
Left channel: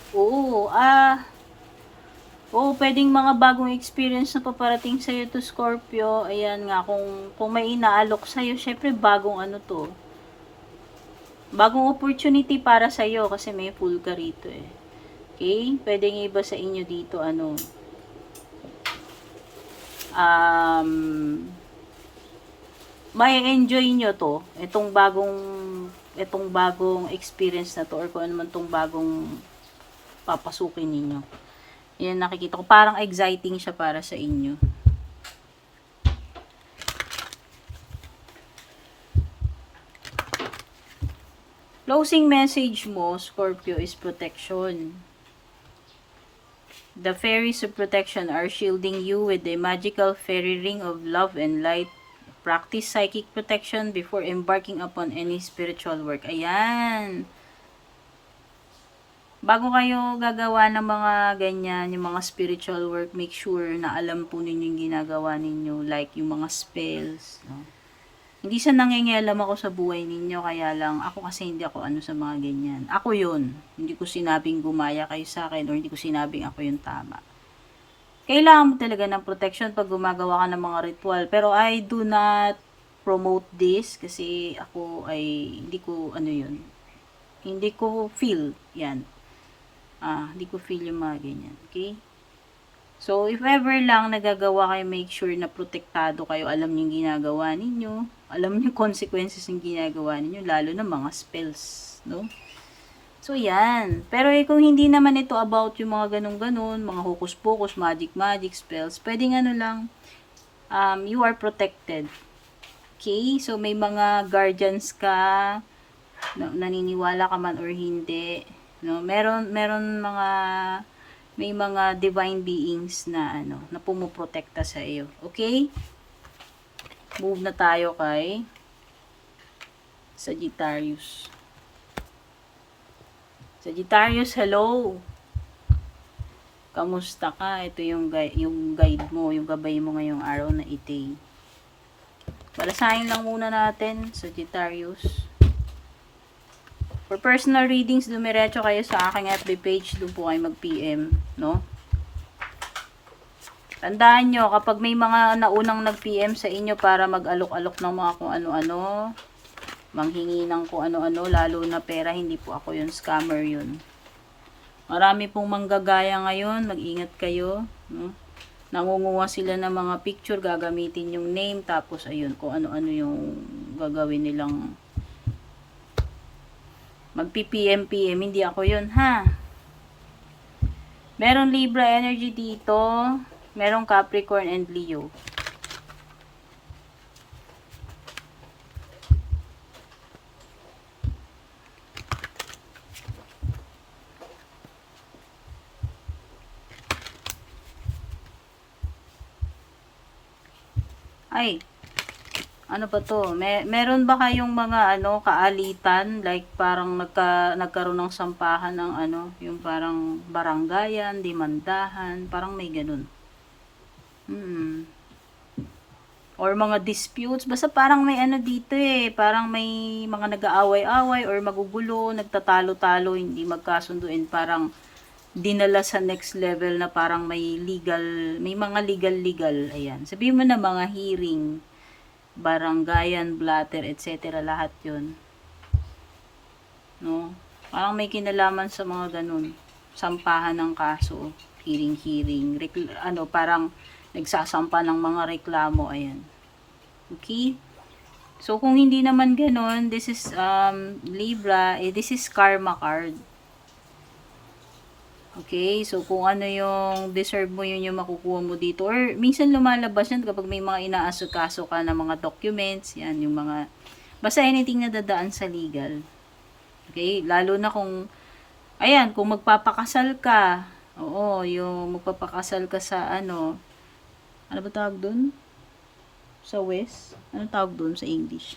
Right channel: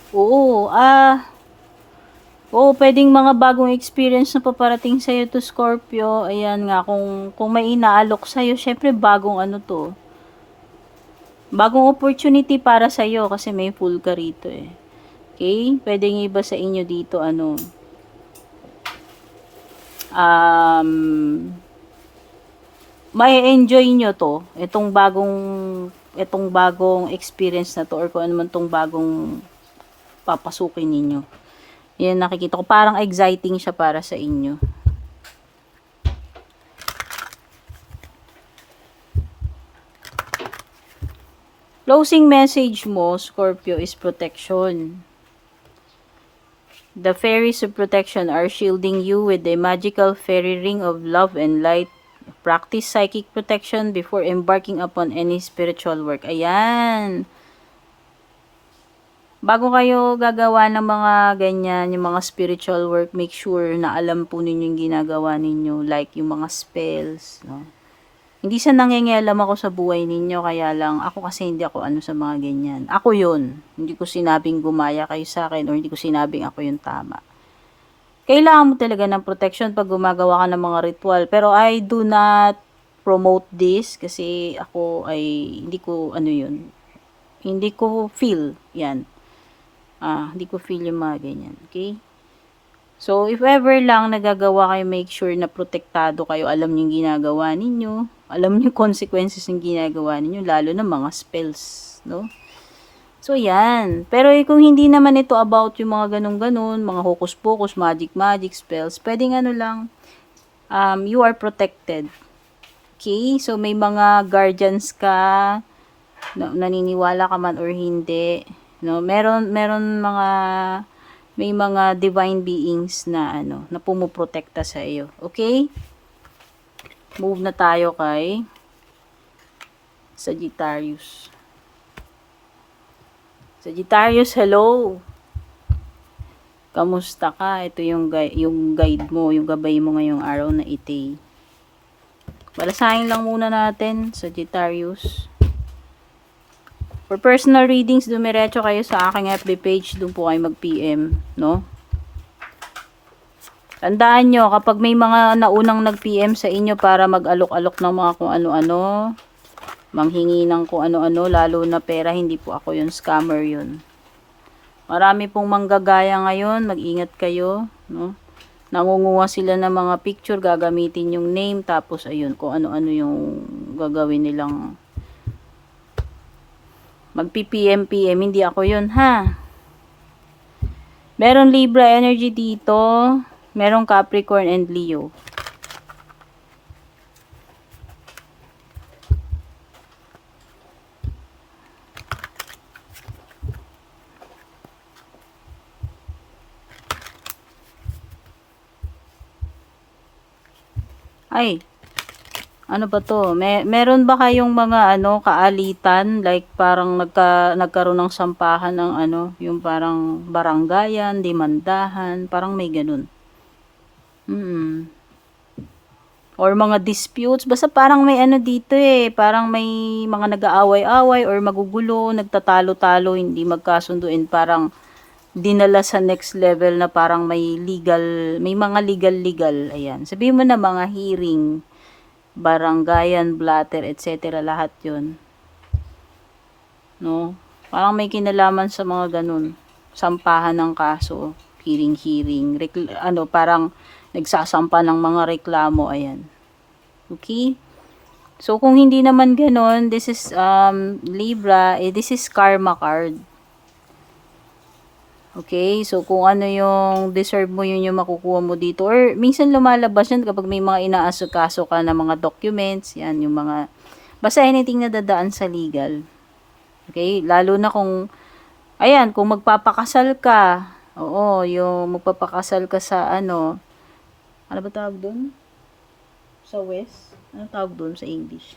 pwedeng mga bagong experience na paparating sa'yo to, Scorpio. Ayan nga, kung may inaalok sa'yo, syempre bagong bagong opportunity para sa'yo kasi may Fool ka rito eh. Okay? Pwedeng iba sa inyo dito, may enjoy nyo to, itong bagong experience na to, or kung ano man tong bagong papasukin ninyo. Yan, nakikita ko, parang exciting siya para sa inyo. Closing message mo, Scorpio, is protection. The fairies of protection are shielding you with the magical fairy ring of love and light. Practice psychic protection before embarking upon any spiritual work. Ayan. Bago kayo gagawa ng mga ganyan, yung mga spiritual work, make sure na alam po ninyo yung ginagawa ninyo. Like yung mga spells. No? Hindi sa nangingialam ako sa buhay ninyo, kaya lang ako kasi hindi ako sa mga ganyan. Ako yun. Hindi ko sinabing gumaya kayo sa akin or hindi ko sinabing ako yung tama. Kailangan mo talaga ng protection pag gumagawa ka ng mga ritual. Pero I do not promote this kasi ako ay hindi ko hindi ko feel yan. Hindi ko feel yung mga ganyan. Okay? So, if ever lang nagagawa kayo, make sure na protektado kayo. Alam niyo yung ginagawa ninyo. Alam niyo consequences ng ginagawa ninyo, lalo na mga spells, no? So, yan. Pero kung hindi naman ito about yung mga ganun-ganun, mga hocus-pocus, magic spells, pwedeng you are protected. Okay? So, may mga guardians ka, naniniwala ka man or hindi, no? May mga divine beings na na pumoprotekta sa iyo. Okay? Move na tayo kay Sagittarius. Sagittarius, hello. Kamusta ka? Ito yung guide mo, yung gabay mo ngayong araw na ite. Balasahin lang muna natin, Sagittarius. For personal readings, dumiretso kayo sa aking FB page. Doon po kayo mag-PM, no? Tandaan nyo, kapag may mga naunang nag-PM sa inyo para mag-alok-alok ng mga kung ano-ano, manghingi ng kung ano-ano, lalo na pera, hindi po ako yun, scammer yun. Marami pong manggagaya ngayon, mag-ingat kayo, no? Nangunguha sila ng mga picture, gagamitin yung name, tapos ayun, kung ano-ano yung gagawin nilang mag-PPM, hindi ako yun, ha? Meron Libra energy dito, merong Capricorn and Leo. Ay, Ano ba to? Meron ba kayong mga ano, kaalitan? Like parang nagkaroon ng sampahan ng ano, yung parang baranggayan, demandahan, parang may ganun. Mm. Or mga disputes, basta parang may ano dito eh, parang may mga nag-aaway-away or magugulo, nagtatalo-talo, hindi magkasunduin, parang dinala sa next level na parang may mga legal, ayan. Sabihin mo na mga hearing, baranggayan, blatter, etc. lahat yun. No? Parang may kinalaman sa mga ganun. Sampahan ng kaso, hearing, parang nagsasampa ng mga reklamo, ayan. Okay? So, kung hindi naman ganun, this is, Libra, this is karma card. Okay? So, kung ano yung deserve mo, yun yung makukuha mo dito. Or, minsan lumalabas yan kapag may mga inaasikaso ka na mga documents, yan, yung mga, basta anything na dadaan sa legal. Okay? Lalo na kung, ayan, kung magpapakasal ka, oo, yung magpapakasal ka sa ano ba tawag dun? Sa West? Ano tawag dun sa English?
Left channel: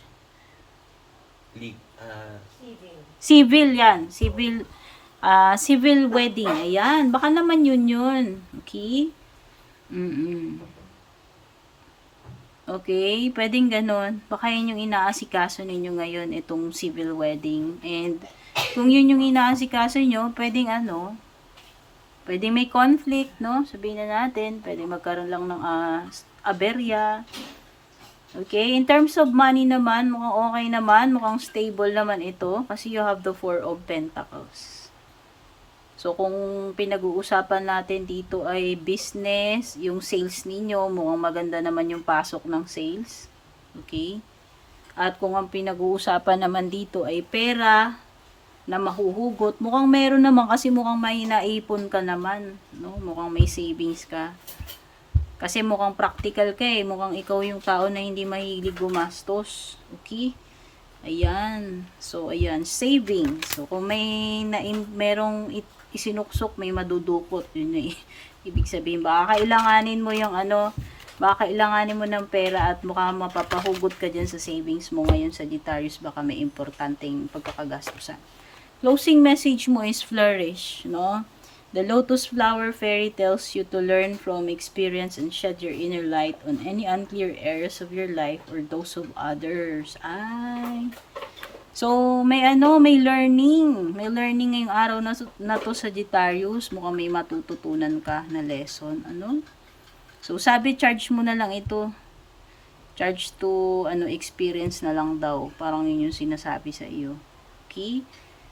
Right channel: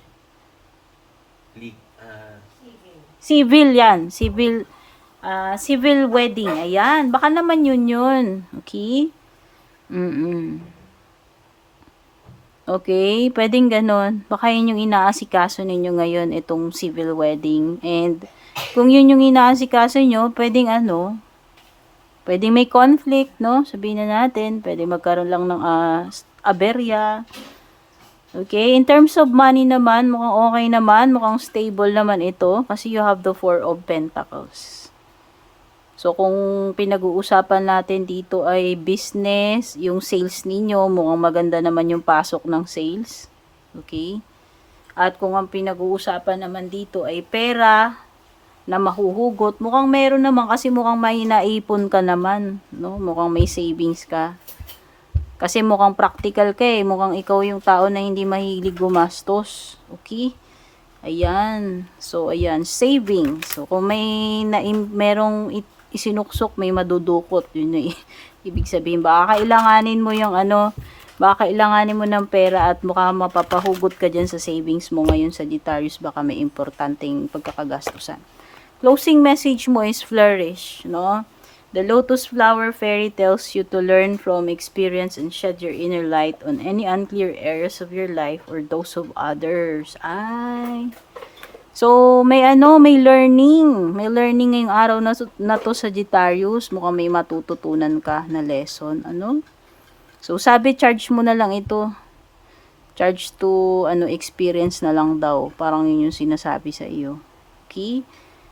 Civil yan. Civil wedding. Ayan. Baka naman yun. Okay? Okay? Pwedeng ganon. Baka yun yung inaasikaso ninyo ngayon, itong civil wedding. And, kung yun yung inaasikaso nyo, pwedeng may conflict, no? Sabihin na natin, pwede magkaroon lang ng aberya. Okay, in terms of money naman, mukhang okay naman, mukhang stable naman ito kasi you have the Four of Pentacles. So, kung pinag-uusapan natin dito ay business, yung sales ninyo, mukhang maganda naman yung pasok ng sales. Okay? At kung ang pinag-uusapan naman dito ay pera na mahuhugot, mukhang meron naman kasi mukhang may naipon ka naman, no? Mukhang may savings ka. Kasi mukhang practical ka eh. Mukhang ikaw yung tao na hindi mahilig gumastos. Okay? Ayan. So, ayan. Saving. So, kung merong isinuksok, may madudukot. Yun yung ibig sabihin. Baka kailanganin mo yung baka kailanganin mo ng pera at mukhang mapapahugot ka dyan sa savings mo ngayon, Sagittarius. Baka may importanteng pagkakagastusan. Closing message mo is flourish, no? The lotus flower fairy tells you to learn from experience and shed your inner light on any unclear areas of your life or those of others. Ay. So, may learning. May learning ngayong araw na to, Sagittarius. Mukhang may matututunan ka na lesson. So, sabi, charge mo na lang ito. Charge to, experience na lang daw. Parang yun yung sinasabi sa iyo. Okay?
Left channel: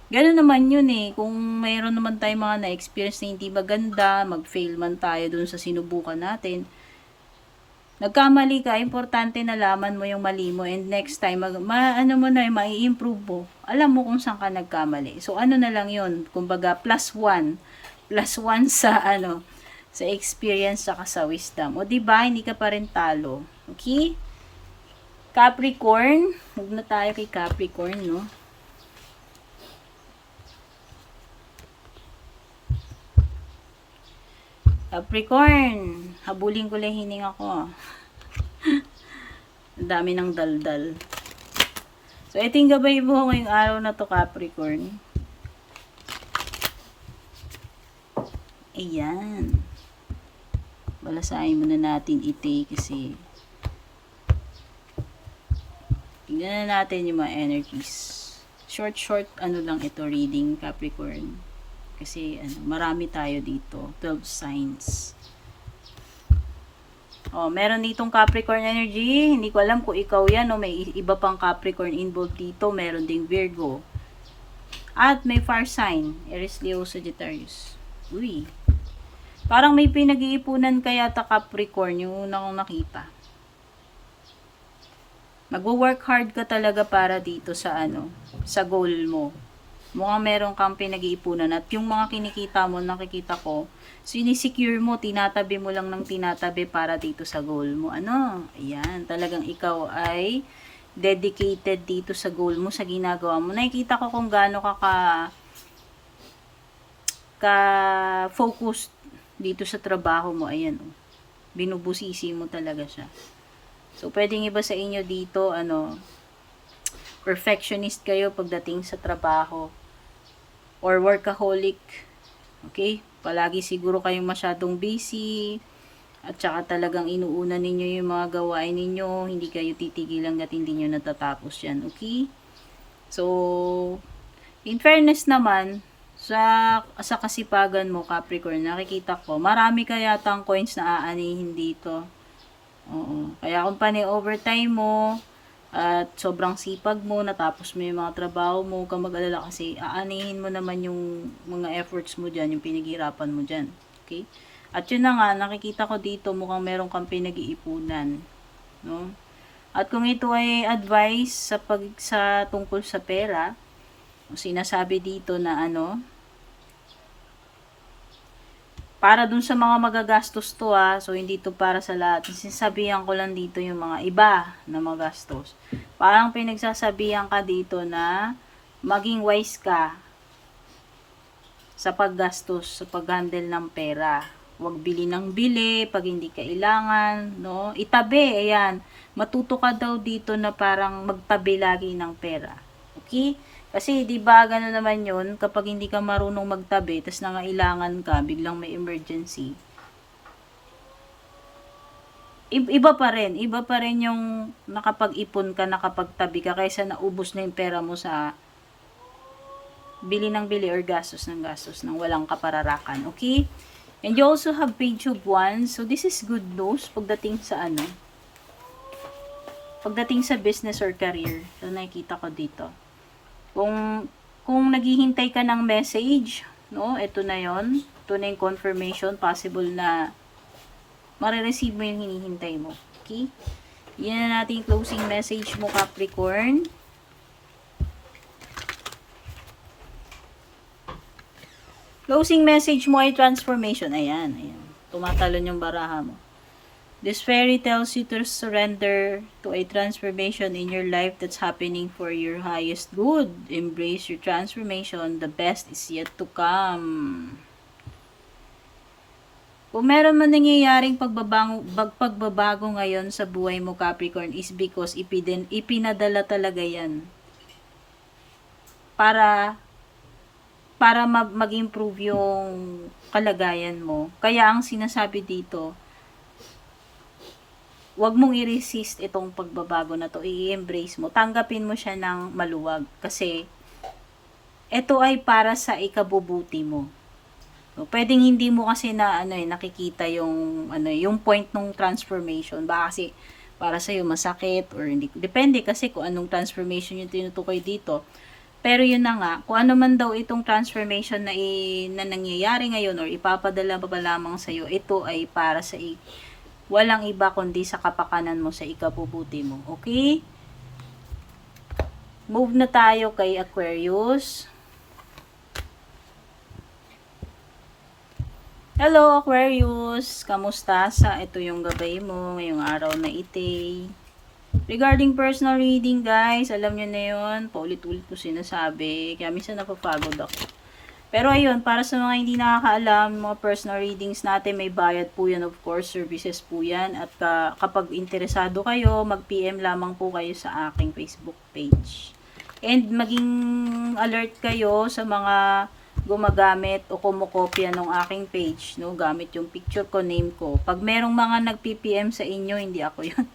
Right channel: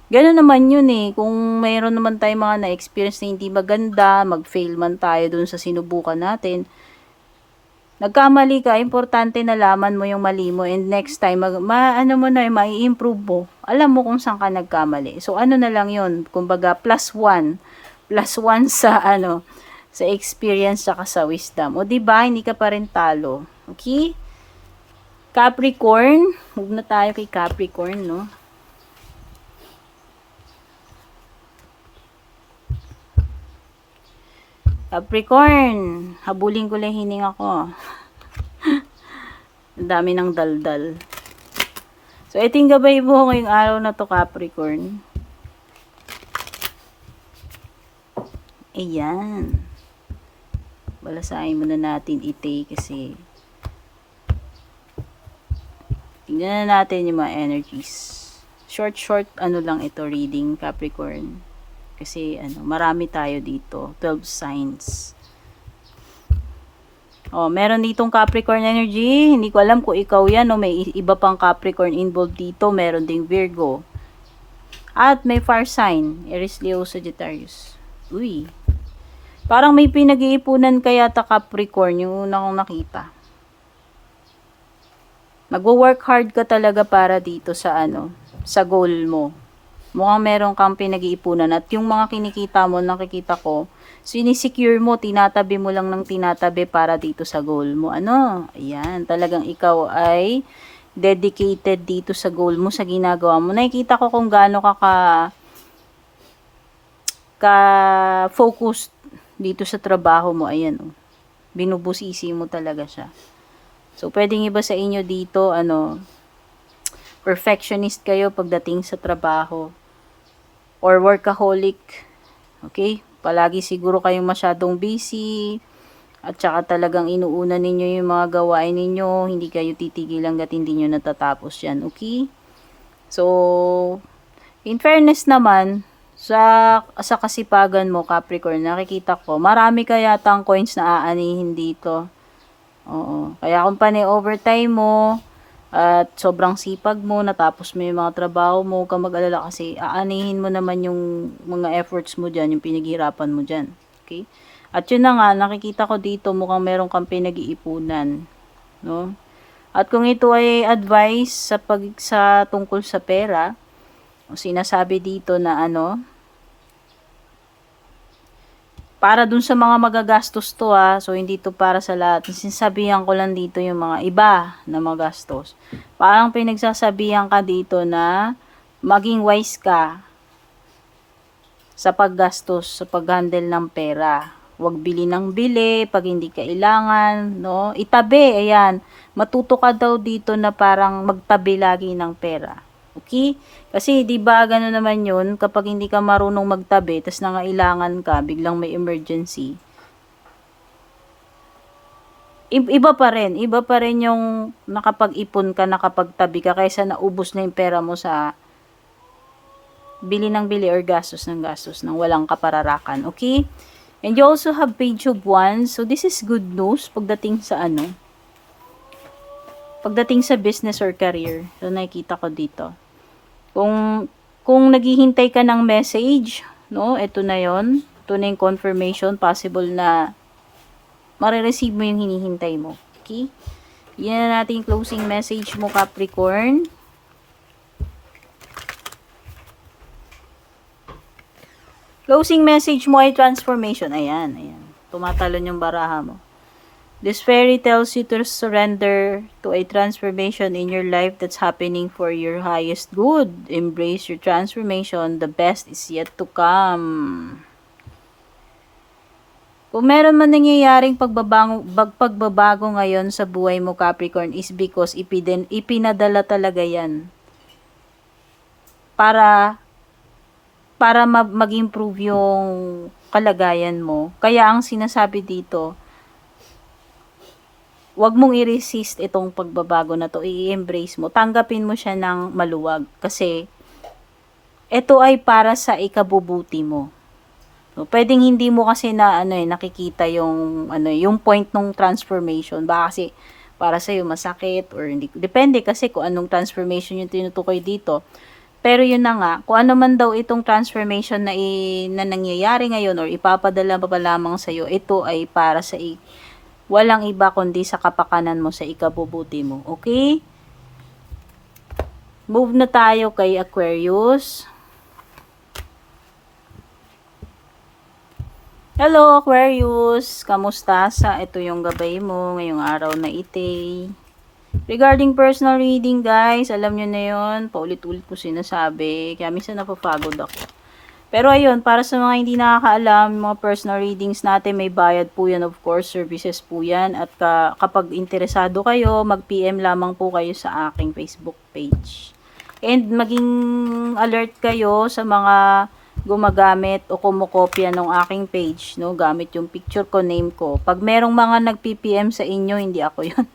Gano'n naman yun eh. Kung mayroon naman tayo mga na-experience na hindi maganda, mag-fail man tayo dun sa sinubukan natin, nagkamali ka, importante na laman mo yung mali mo and next time, mai-improve mo. Alam mo kung saan ka nagkamali. So, na lang yun. Kumbaga, +1. +1 sa experience saka sa wisdom. O, diba? Hindi ka pa rin talo. Okay? Capricorn. Huwag na tayo kay Capricorn, no? Capricorn, habulin ko lang hininga ko. Ang dami ng daldal. So, ito yung gabay mo ngayong araw na to, Capricorn. Ayan. Balasahin muna natin ite kasi tingnan na natin yung mga energies. Short lang ito reading, Capricorn. Kasi marami tayo dito, 12 signs. Meron ditong Capricorn energy. Hindi ko alam kung ikaw yan o may iba pang Capricorn involved dito. Meron ding Virgo. At may fire sign, Aries, Leo, Sagittarius. Uy. Parang may pinag-iipunan kaya ta Capricorn, yung una kong nakita. Magwo-work hard ka talaga para dito sa sa goal mo. Mukhang meron kang pinag-iipunan at yung mga kinikita mo, nakikita ko, sinisecure mo, tinatabi mo lang ng tinatabi para dito sa goal mo. Ayan, talagang ikaw ay dedicated dito sa goal mo, sa ginagawa mo. Nakikita ko kung gaano ka-focused dito sa trabaho mo. Ayan, binubusisi mo talaga siya. So, pwedeng iba sa inyo dito, perfectionist kayo pagdating sa trabaho. Or workaholic. Okay? Palagi siguro kayong masyadong busy. At saka talagang inuuna ninyo yung mga gawain ninyo. Hindi kayo titigil hanggat hindi nyo natatapos yan. Okay? So, in fairness naman, sa kasipagan mo, Capricorn, nakikita ko, marami ka yatang coins na aanihin dito. Oo. Kaya kung overtime mo, at sobrang sipag mo, natapos mo yung mga trabaho mo, huwag kang mag-alala kasi aanihin mo naman yung mga efforts mo dyan, yung pinaghirapan mo dyan. Okay? At yun na nga, nakikita ko dito, mukhang meron kang pinag-iipunan. No? At kung ito ay advice sa tungkol sa pera, sinasabi dito na para dun sa mga magagastos to so hindi to para sa lahat. Sinasabihan ko lang dito yung mga iba na magastos. Parang pinagsasabihan ka dito na maging wise ka sa paggastos, sa pag-handle ng pera. Huwag bili ng bili pag hindi kailangan, no? Itabi, ayan. Matuto ka daw dito na parang magtabi lagi ng pera. Okay? Kasi, di ba, gano'n naman yun, kapag hindi ka marunong magtabi, tas nangailangan ka, biglang may emergency, iba pa rin yung nakapag-ipon ka, nakapagtabi ka, kaysa naubos na yung pera mo sa bili ng bili or gastos ng gastos ng walang kapararakan. Okay? And you also have page of wands. So, this is good news pagdating sa pagdating sa business or career. So, nakikita ko dito. Kung naghihintay ka ng message, no, ito na yon. Ito na yung confirmation, possible na marireceive mo yung hinihintay mo. Okay? Yan na natin closing message mo, Capricorn. Closing message mo ay transformation. Ayan, ayan. Tumatalon yung baraha mo. This fairy tells you to surrender to a transformation in your life that's happening for your highest good. Embrace your transformation. The best is yet to come. Kung meron man nangyayaring pagbabago ngayon sa buhay mo, Capricorn, is because ipinadala talaga yan para mag-improve yung kalagayan mo. Kaya ang sinasabi dito, wag mong i-resist itong pagbabago na to, i-embrace mo, tanggapin mo siya ng maluwag kasi ito ay para sa ikabubuti mo. So, pwedeng hindi mo kasi nakikita yung point ng transformation. Baka kasi para sa iyo masakit or hindi, depende kasi kung anong transformation yung tinutukoy dito. Pero yun na nga, kung ano man daw itong transformation na nangyayari ngayon or ipapadala pa lamang sa iyo, ito ay para sa walang iba kundi sa kapakanan mo, sa ikabubuti mo. Okay? Move na tayo kay Aquarius. Hello Aquarius! Kamusta ito yung gabay mo ngayong araw na ite? Regarding personal reading, guys, alam nyo na yun, paulit-ulit po sinasabi, kaya minsan napapagod ako. Pero ayun, para sa mga hindi nakakaalam, mga personal readings natin, may bayad po yan, of course, services po yan. At kapag interesado kayo, mag-PM lamang po kayo sa aking Facebook page. And maging alert kayo sa mga gumagamit o kumukopya ng aking page, no, gamit yung picture ko, name ko. Pag merong mga nag-PPM sa inyo, hindi ako yun.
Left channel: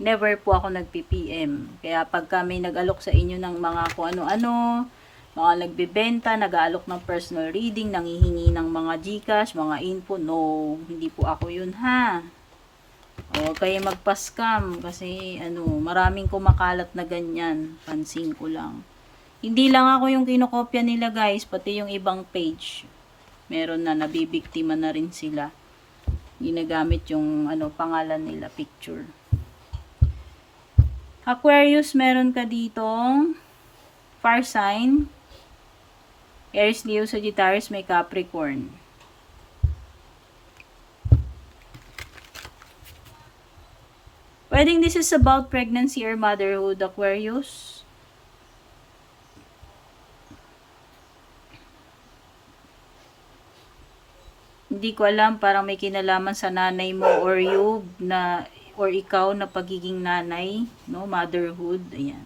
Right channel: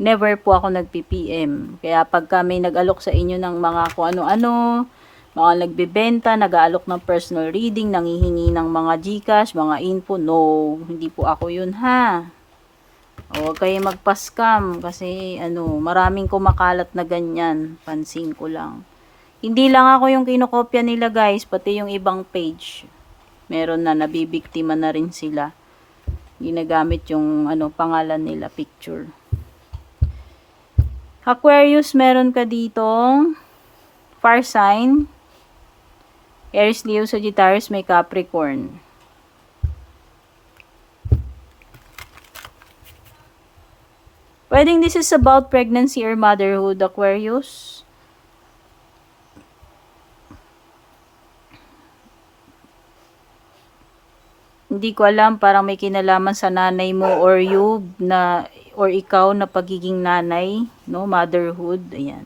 Never po ako nag-PPM. Kaya pagka may nag-alok sa inyo ng mga kung ano-ano, mga nagbebenta, nag-aalok ng personal reading, nangihingi ng mga GCash, mga info, no, hindi po ako yun ha. O kayo magpa-scam kasi maraming kumakalat na ganyan, pansin ko lang. Hindi lang ako yung kinokopya nila guys, pati yung ibang page. Meron na nabibiktima na rin sila. Ginagamit yung pangalan nila, picture. Aquarius, meron ka ditong fire sign. Aries, Leo, Sagittarius, may Capricorn. Pwedeng this is about pregnancy or motherhood, Aquarius. Hindi ko alam, parang may kinalaman sa nanay mo or you na or ikaw na pagiging nanay, no? Motherhood, ayan.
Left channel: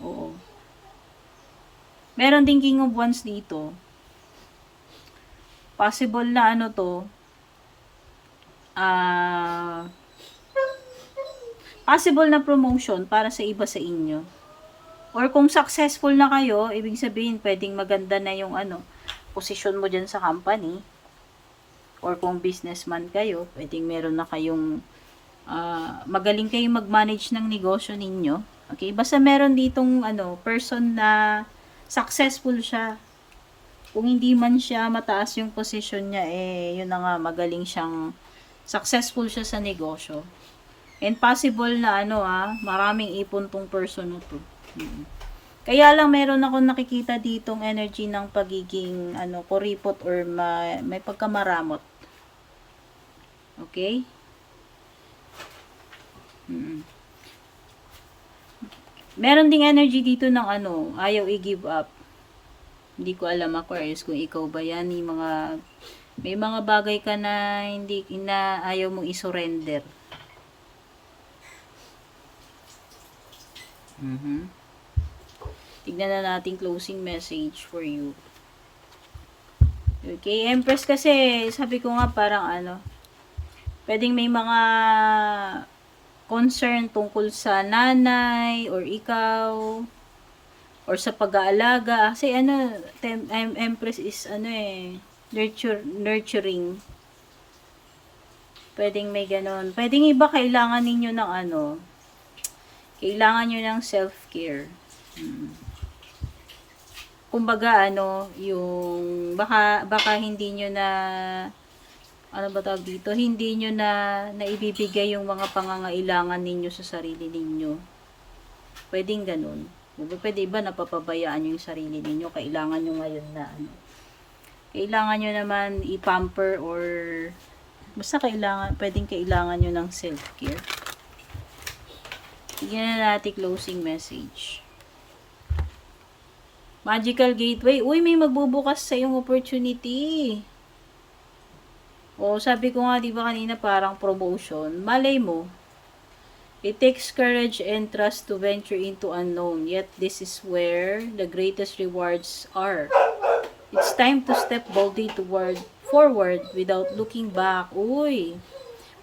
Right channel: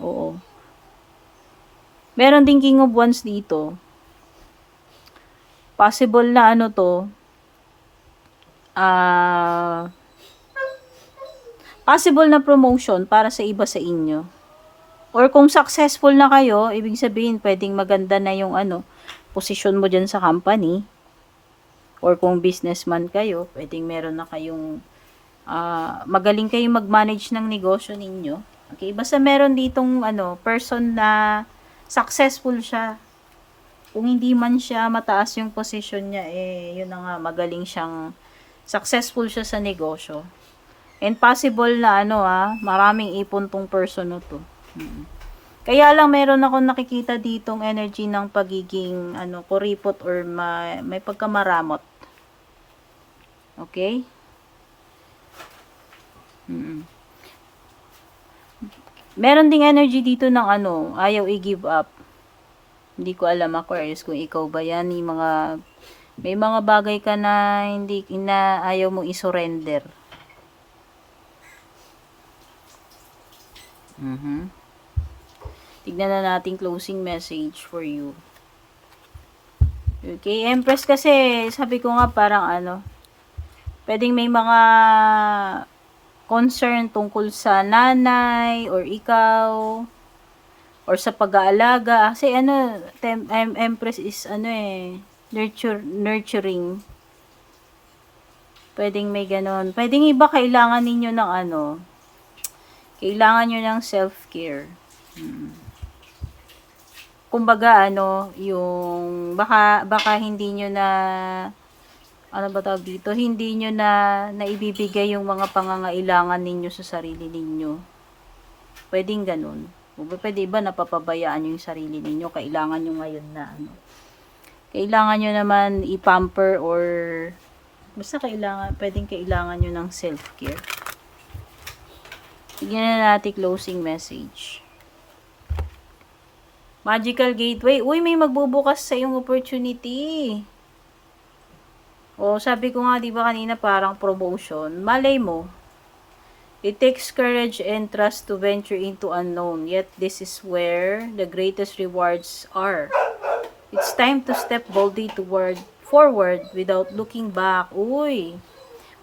Oo. Meron din King of Wands dito. Possible na ano to, possible na promotion para sa iba sa inyo. Or kung successful na kayo, ibig sabihin, pwedeng maganda na yung posisyon mo dyan sa company. Or kung businessman kayo, pwedeng meron na kayong, magaling kayong mag-manage ng negosyo ninyo. Okay, basta meron ditong person na successful siya. Kung hindi man siya mataas yung posisyon niya, yun na nga, magaling siyang, successful siya sa negosyo. And possible na maraming ipon tong person na to. Kaya lang meron akong nakikita ditong energy ng pagiging kuripot or may pagkamaramot. Okay? Meron ding energy dito ng ayaw i-give up. Hindi ko alam, Aquarius, kung ikaw ba yan. May mga bagay ka na hindi na ayaw mong i-surrender. Tignan na natin closing message for you. Okay, Empress, kasi sabi ko nga parang pwedeng may mga concern tungkol sa nanay or ikaw or sa pag-aalaga. Kasi Empress is nurturing. Pwedeng may ganon. Pwedeng iba kailangan ninyo ng kailangan nyo ng self-care. Kumbaga yung baka hindi nyo na hindi nyo na naibibigay yung mga pangangailangan ninyo sa sarili ninyo. Pwedeng ganun. Pwede ba napapabayaan yung sarili ninyo? Kailangan nyo ngayon na kailangan nyo naman i-pamper or basta pwedeng kailangan nyo ng self-care. Tignan na natin closing message. Magical Gateway. Uy, may magbubukas sa yung opportunity. Sabi ko nga, di ba kanina parang promotion. Malay mo. It takes courage and trust to venture into unknown. Yet this is where the greatest rewards are. It's time to step boldly forward without looking back. Uy.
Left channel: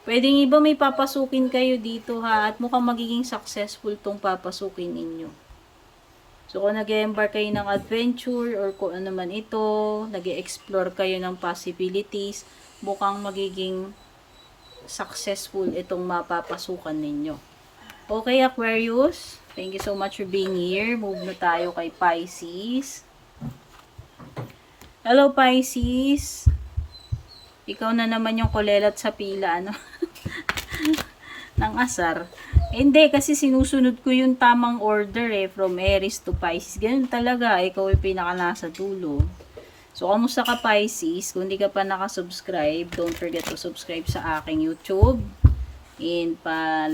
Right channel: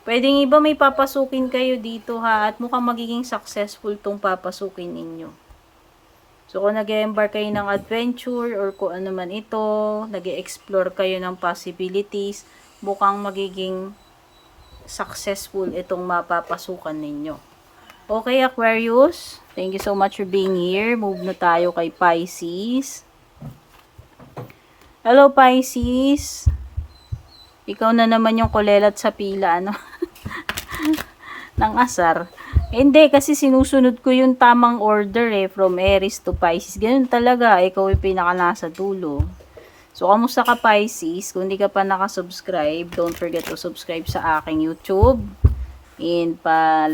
Pwedeng iba may papasukin kayo dito at mukhang magiging successful tong papasukin ninyo. So kung nag-embark kayo ng adventure or kung ano man ito, nag-explore kayo ng possibilities, mukhang magiging successful itong mapapasukan ninyo. Okay, Aquarius, thank you so much for being here. Move na tayo kay Pisces. Hello, Pisces. Ikaw na naman yung kulelat sa pila, ng asar. Hindi, kasi sinusunod ko yung tamang order from Aries to Pisces. Ganun talaga, ikaw yung pinaka nasa dulo. So, kamusta ka, Pisces? Kung hindi ka pa nakasubscribe, don't forget to subscribe sa aking YouTube. And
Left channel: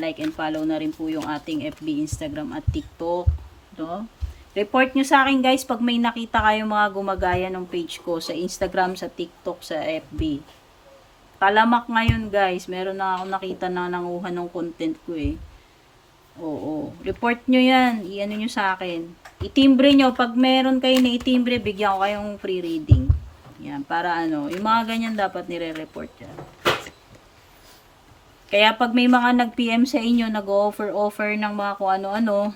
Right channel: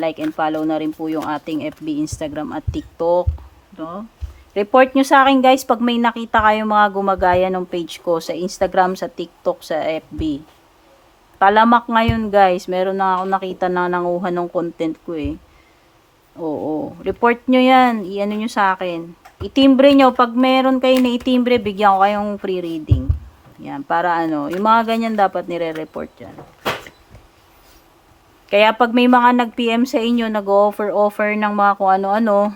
like and follow na rin po yung ating FB, Instagram at TikTok. No? Report nyo sa akin, guys, pag may nakita kayong mga gumagaya ng page ko sa Instagram, sa TikTok, sa FB. Talamak ngayon, guys. Meron na ako nakita na nanguha ng content ko Oo. Report nyo yan. Iano nyo sa akin. Itimbre nyo. Pag meron kayo na itimbre, bigyan ko kayong free reading. Yan. Para yung mga ganyan dapat nire-report yan. Kaya pag may mga nag-PM sa inyo, nag-offer ng mga kung ano-ano,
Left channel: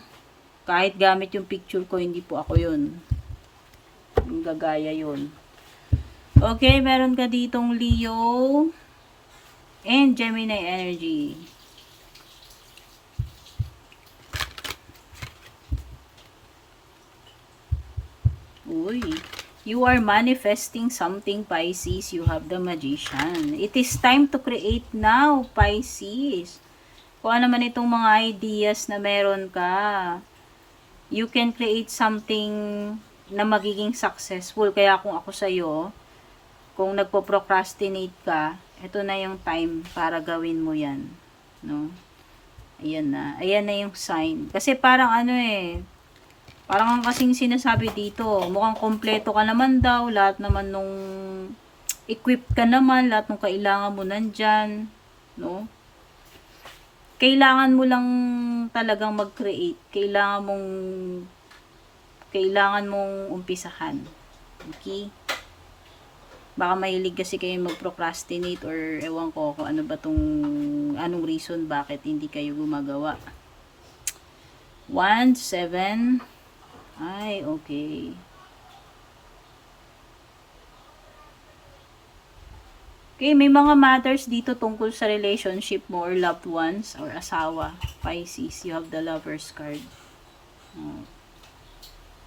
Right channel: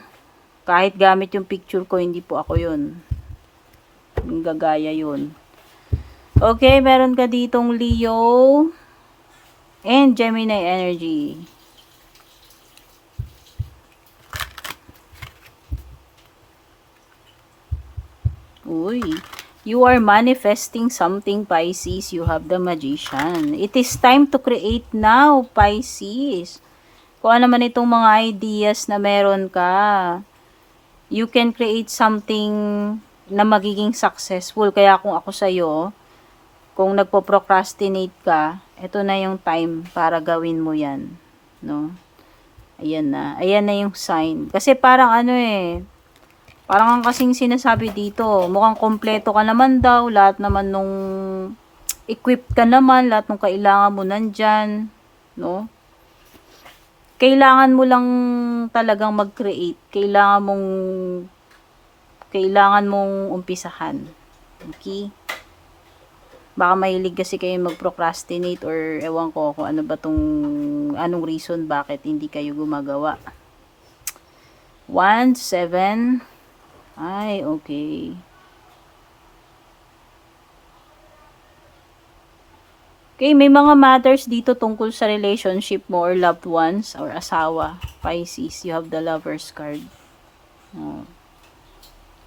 kahit gamit yung picture ko, hindi po ako yun. Yung gagaya yun. Okay, meron ka ditong Leo and Gemini energy. Uy, you are manifesting something, Pisces. You have the Magician. It is time to create now, Pisces. Kung ano man itong mga ideas na meron ka, you can create something na magiging successful. Kaya kung ako sa'yo, kung nagpo-procrastinate ka, ito na yung time para gawin mo yan. No? Ayan na. Ayan na yung sign. Kasi parang parang kasing sinasabi dito, mukhang kompleto ka naman daw, lahat naman nung equipped ka naman, lahat ng kailangan mo nandyan. No? kailangan mo lang talagang mag-create. Kailangan mong umpisahan. Okay? Baka mahilig kasi kayo mag-procrastinate or ewan ko kung ano ba anong reason bakit hindi kayo gumagawa. 1, 7. Ay, okay. Okay, may mga matters dito tungkol sa relationship mo or loved ones or asawa. Pisces, you have the Lover's card. Oh.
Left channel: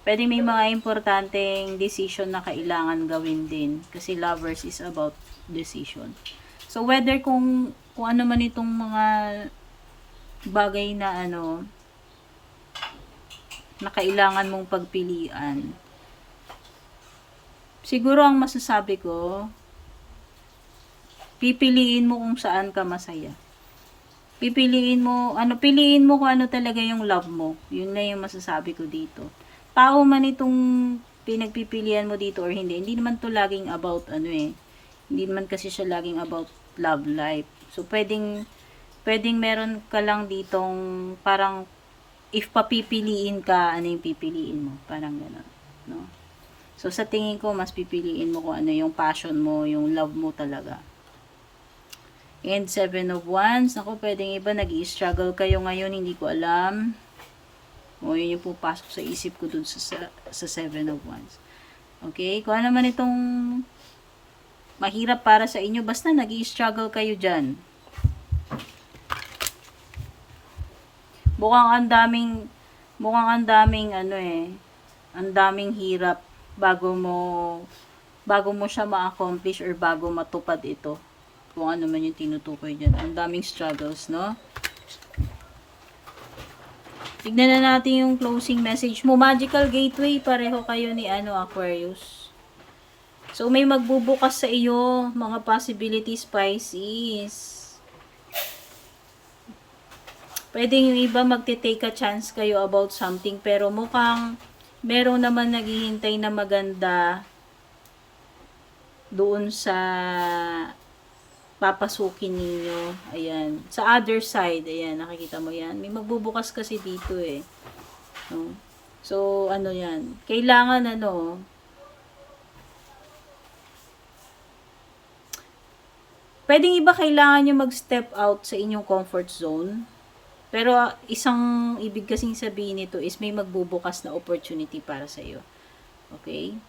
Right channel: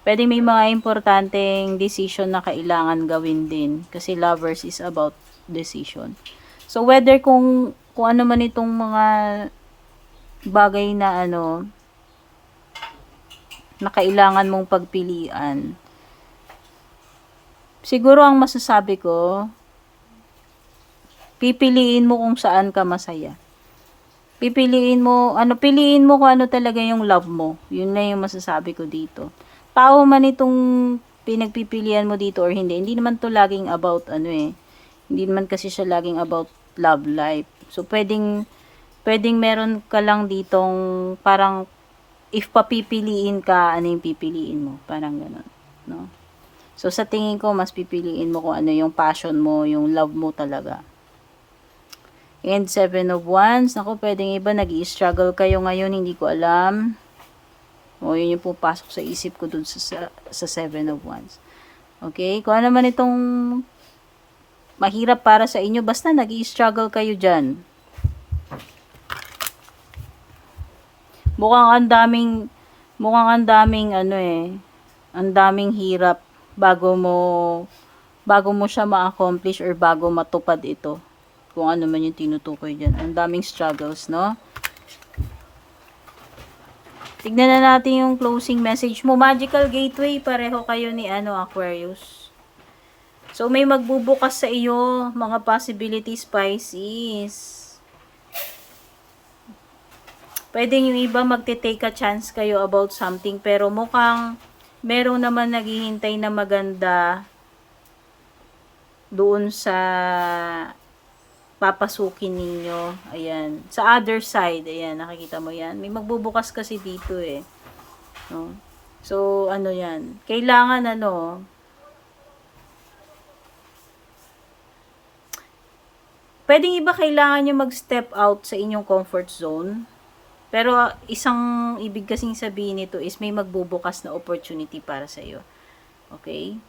Pwede may mga importanteng decision na kailangan gawin din. Kasi Lovers is about decision. So, whether kung ano man itong mga bagay na na kailangan mong pagpilian, siguro ang masasabi ko, pipiliin mo kung saan ka masaya. Piliin mo kung ano talaga yung love mo. Yun na yung masasabi ko dito. Tao man itong pinagpipilian mo dito or hindi. Hindi naman to laging about Hindi naman kasi siya laging about love life. So, pwedeng meron ka lang ditong parang if papipiliin ka, ano yung pipiliin mo? Parang ganun. No? So, sa tingin ko, mas pipiliin mo kung ano yung passion mo, yung love mo talaga. And 7 of Wands. Naku, pwedeng iba, nag-i-struggle kayo ngayon, hindi ko alam. O, yun yung pupasok sa isip ko dun sa 7 of Wands. Okay? Kung ano man itong mahirap para sa inyo, basta nag-i-struggle kayo dyan. Mukhang ang daming ang daming hirap bago mo siya ma-accomplish or bago matupad ito. Kung ano man yung tinutukoy dyan. Ang daming struggles, no? Tignan na natin yung closing message mo. Magical Gateway, pareho kayo ni Aquarius. So, may magbubukas sa iyo, mga possibilities, Pisces. Pwede yung iba magte-take a chance kayo about something, pero mukhang meron naman naghihintay na maganda doon sa papasukin ninyo. Ayan. Sa other side, ayan, nakikita mo yan. May magbubukas kasi dito No? So, yan. Kailangan pwedeng iba kailangan nyo mag-step out sa inyong comfort zone. Pero, isang ibig kasing sabihin nito is may magbubukas na opportunity para sa iyo. Okay?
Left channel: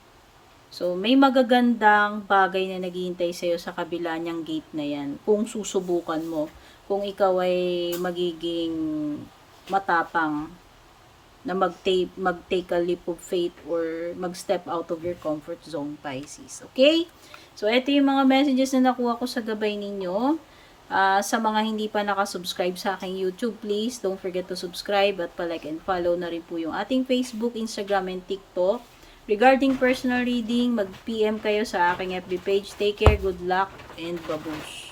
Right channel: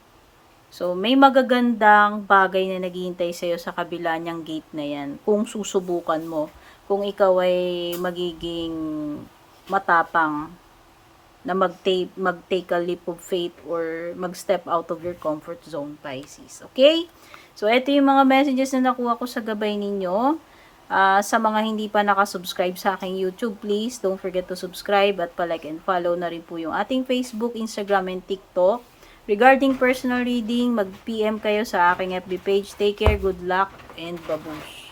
So, may magagandang bagay na naghihintay sa'yo sa kabila niyang gate na yan. Kung susubukan mo. Kung ikaw ay magiging matapang na mag-take a leap of faith or mag-step out of your comfort zone, Pisces. Okay? So, ito yung mga messages na nakuha ko sa gabay ninyo. Sa mga hindi pa nakasubscribe sa aking YouTube, please don't forget to subscribe at palike and follow na rin po yung ating Facebook, Instagram, and TikTok. Regarding personal reading, mag-PM kayo sa aking FB page. Take care, good luck, and babush!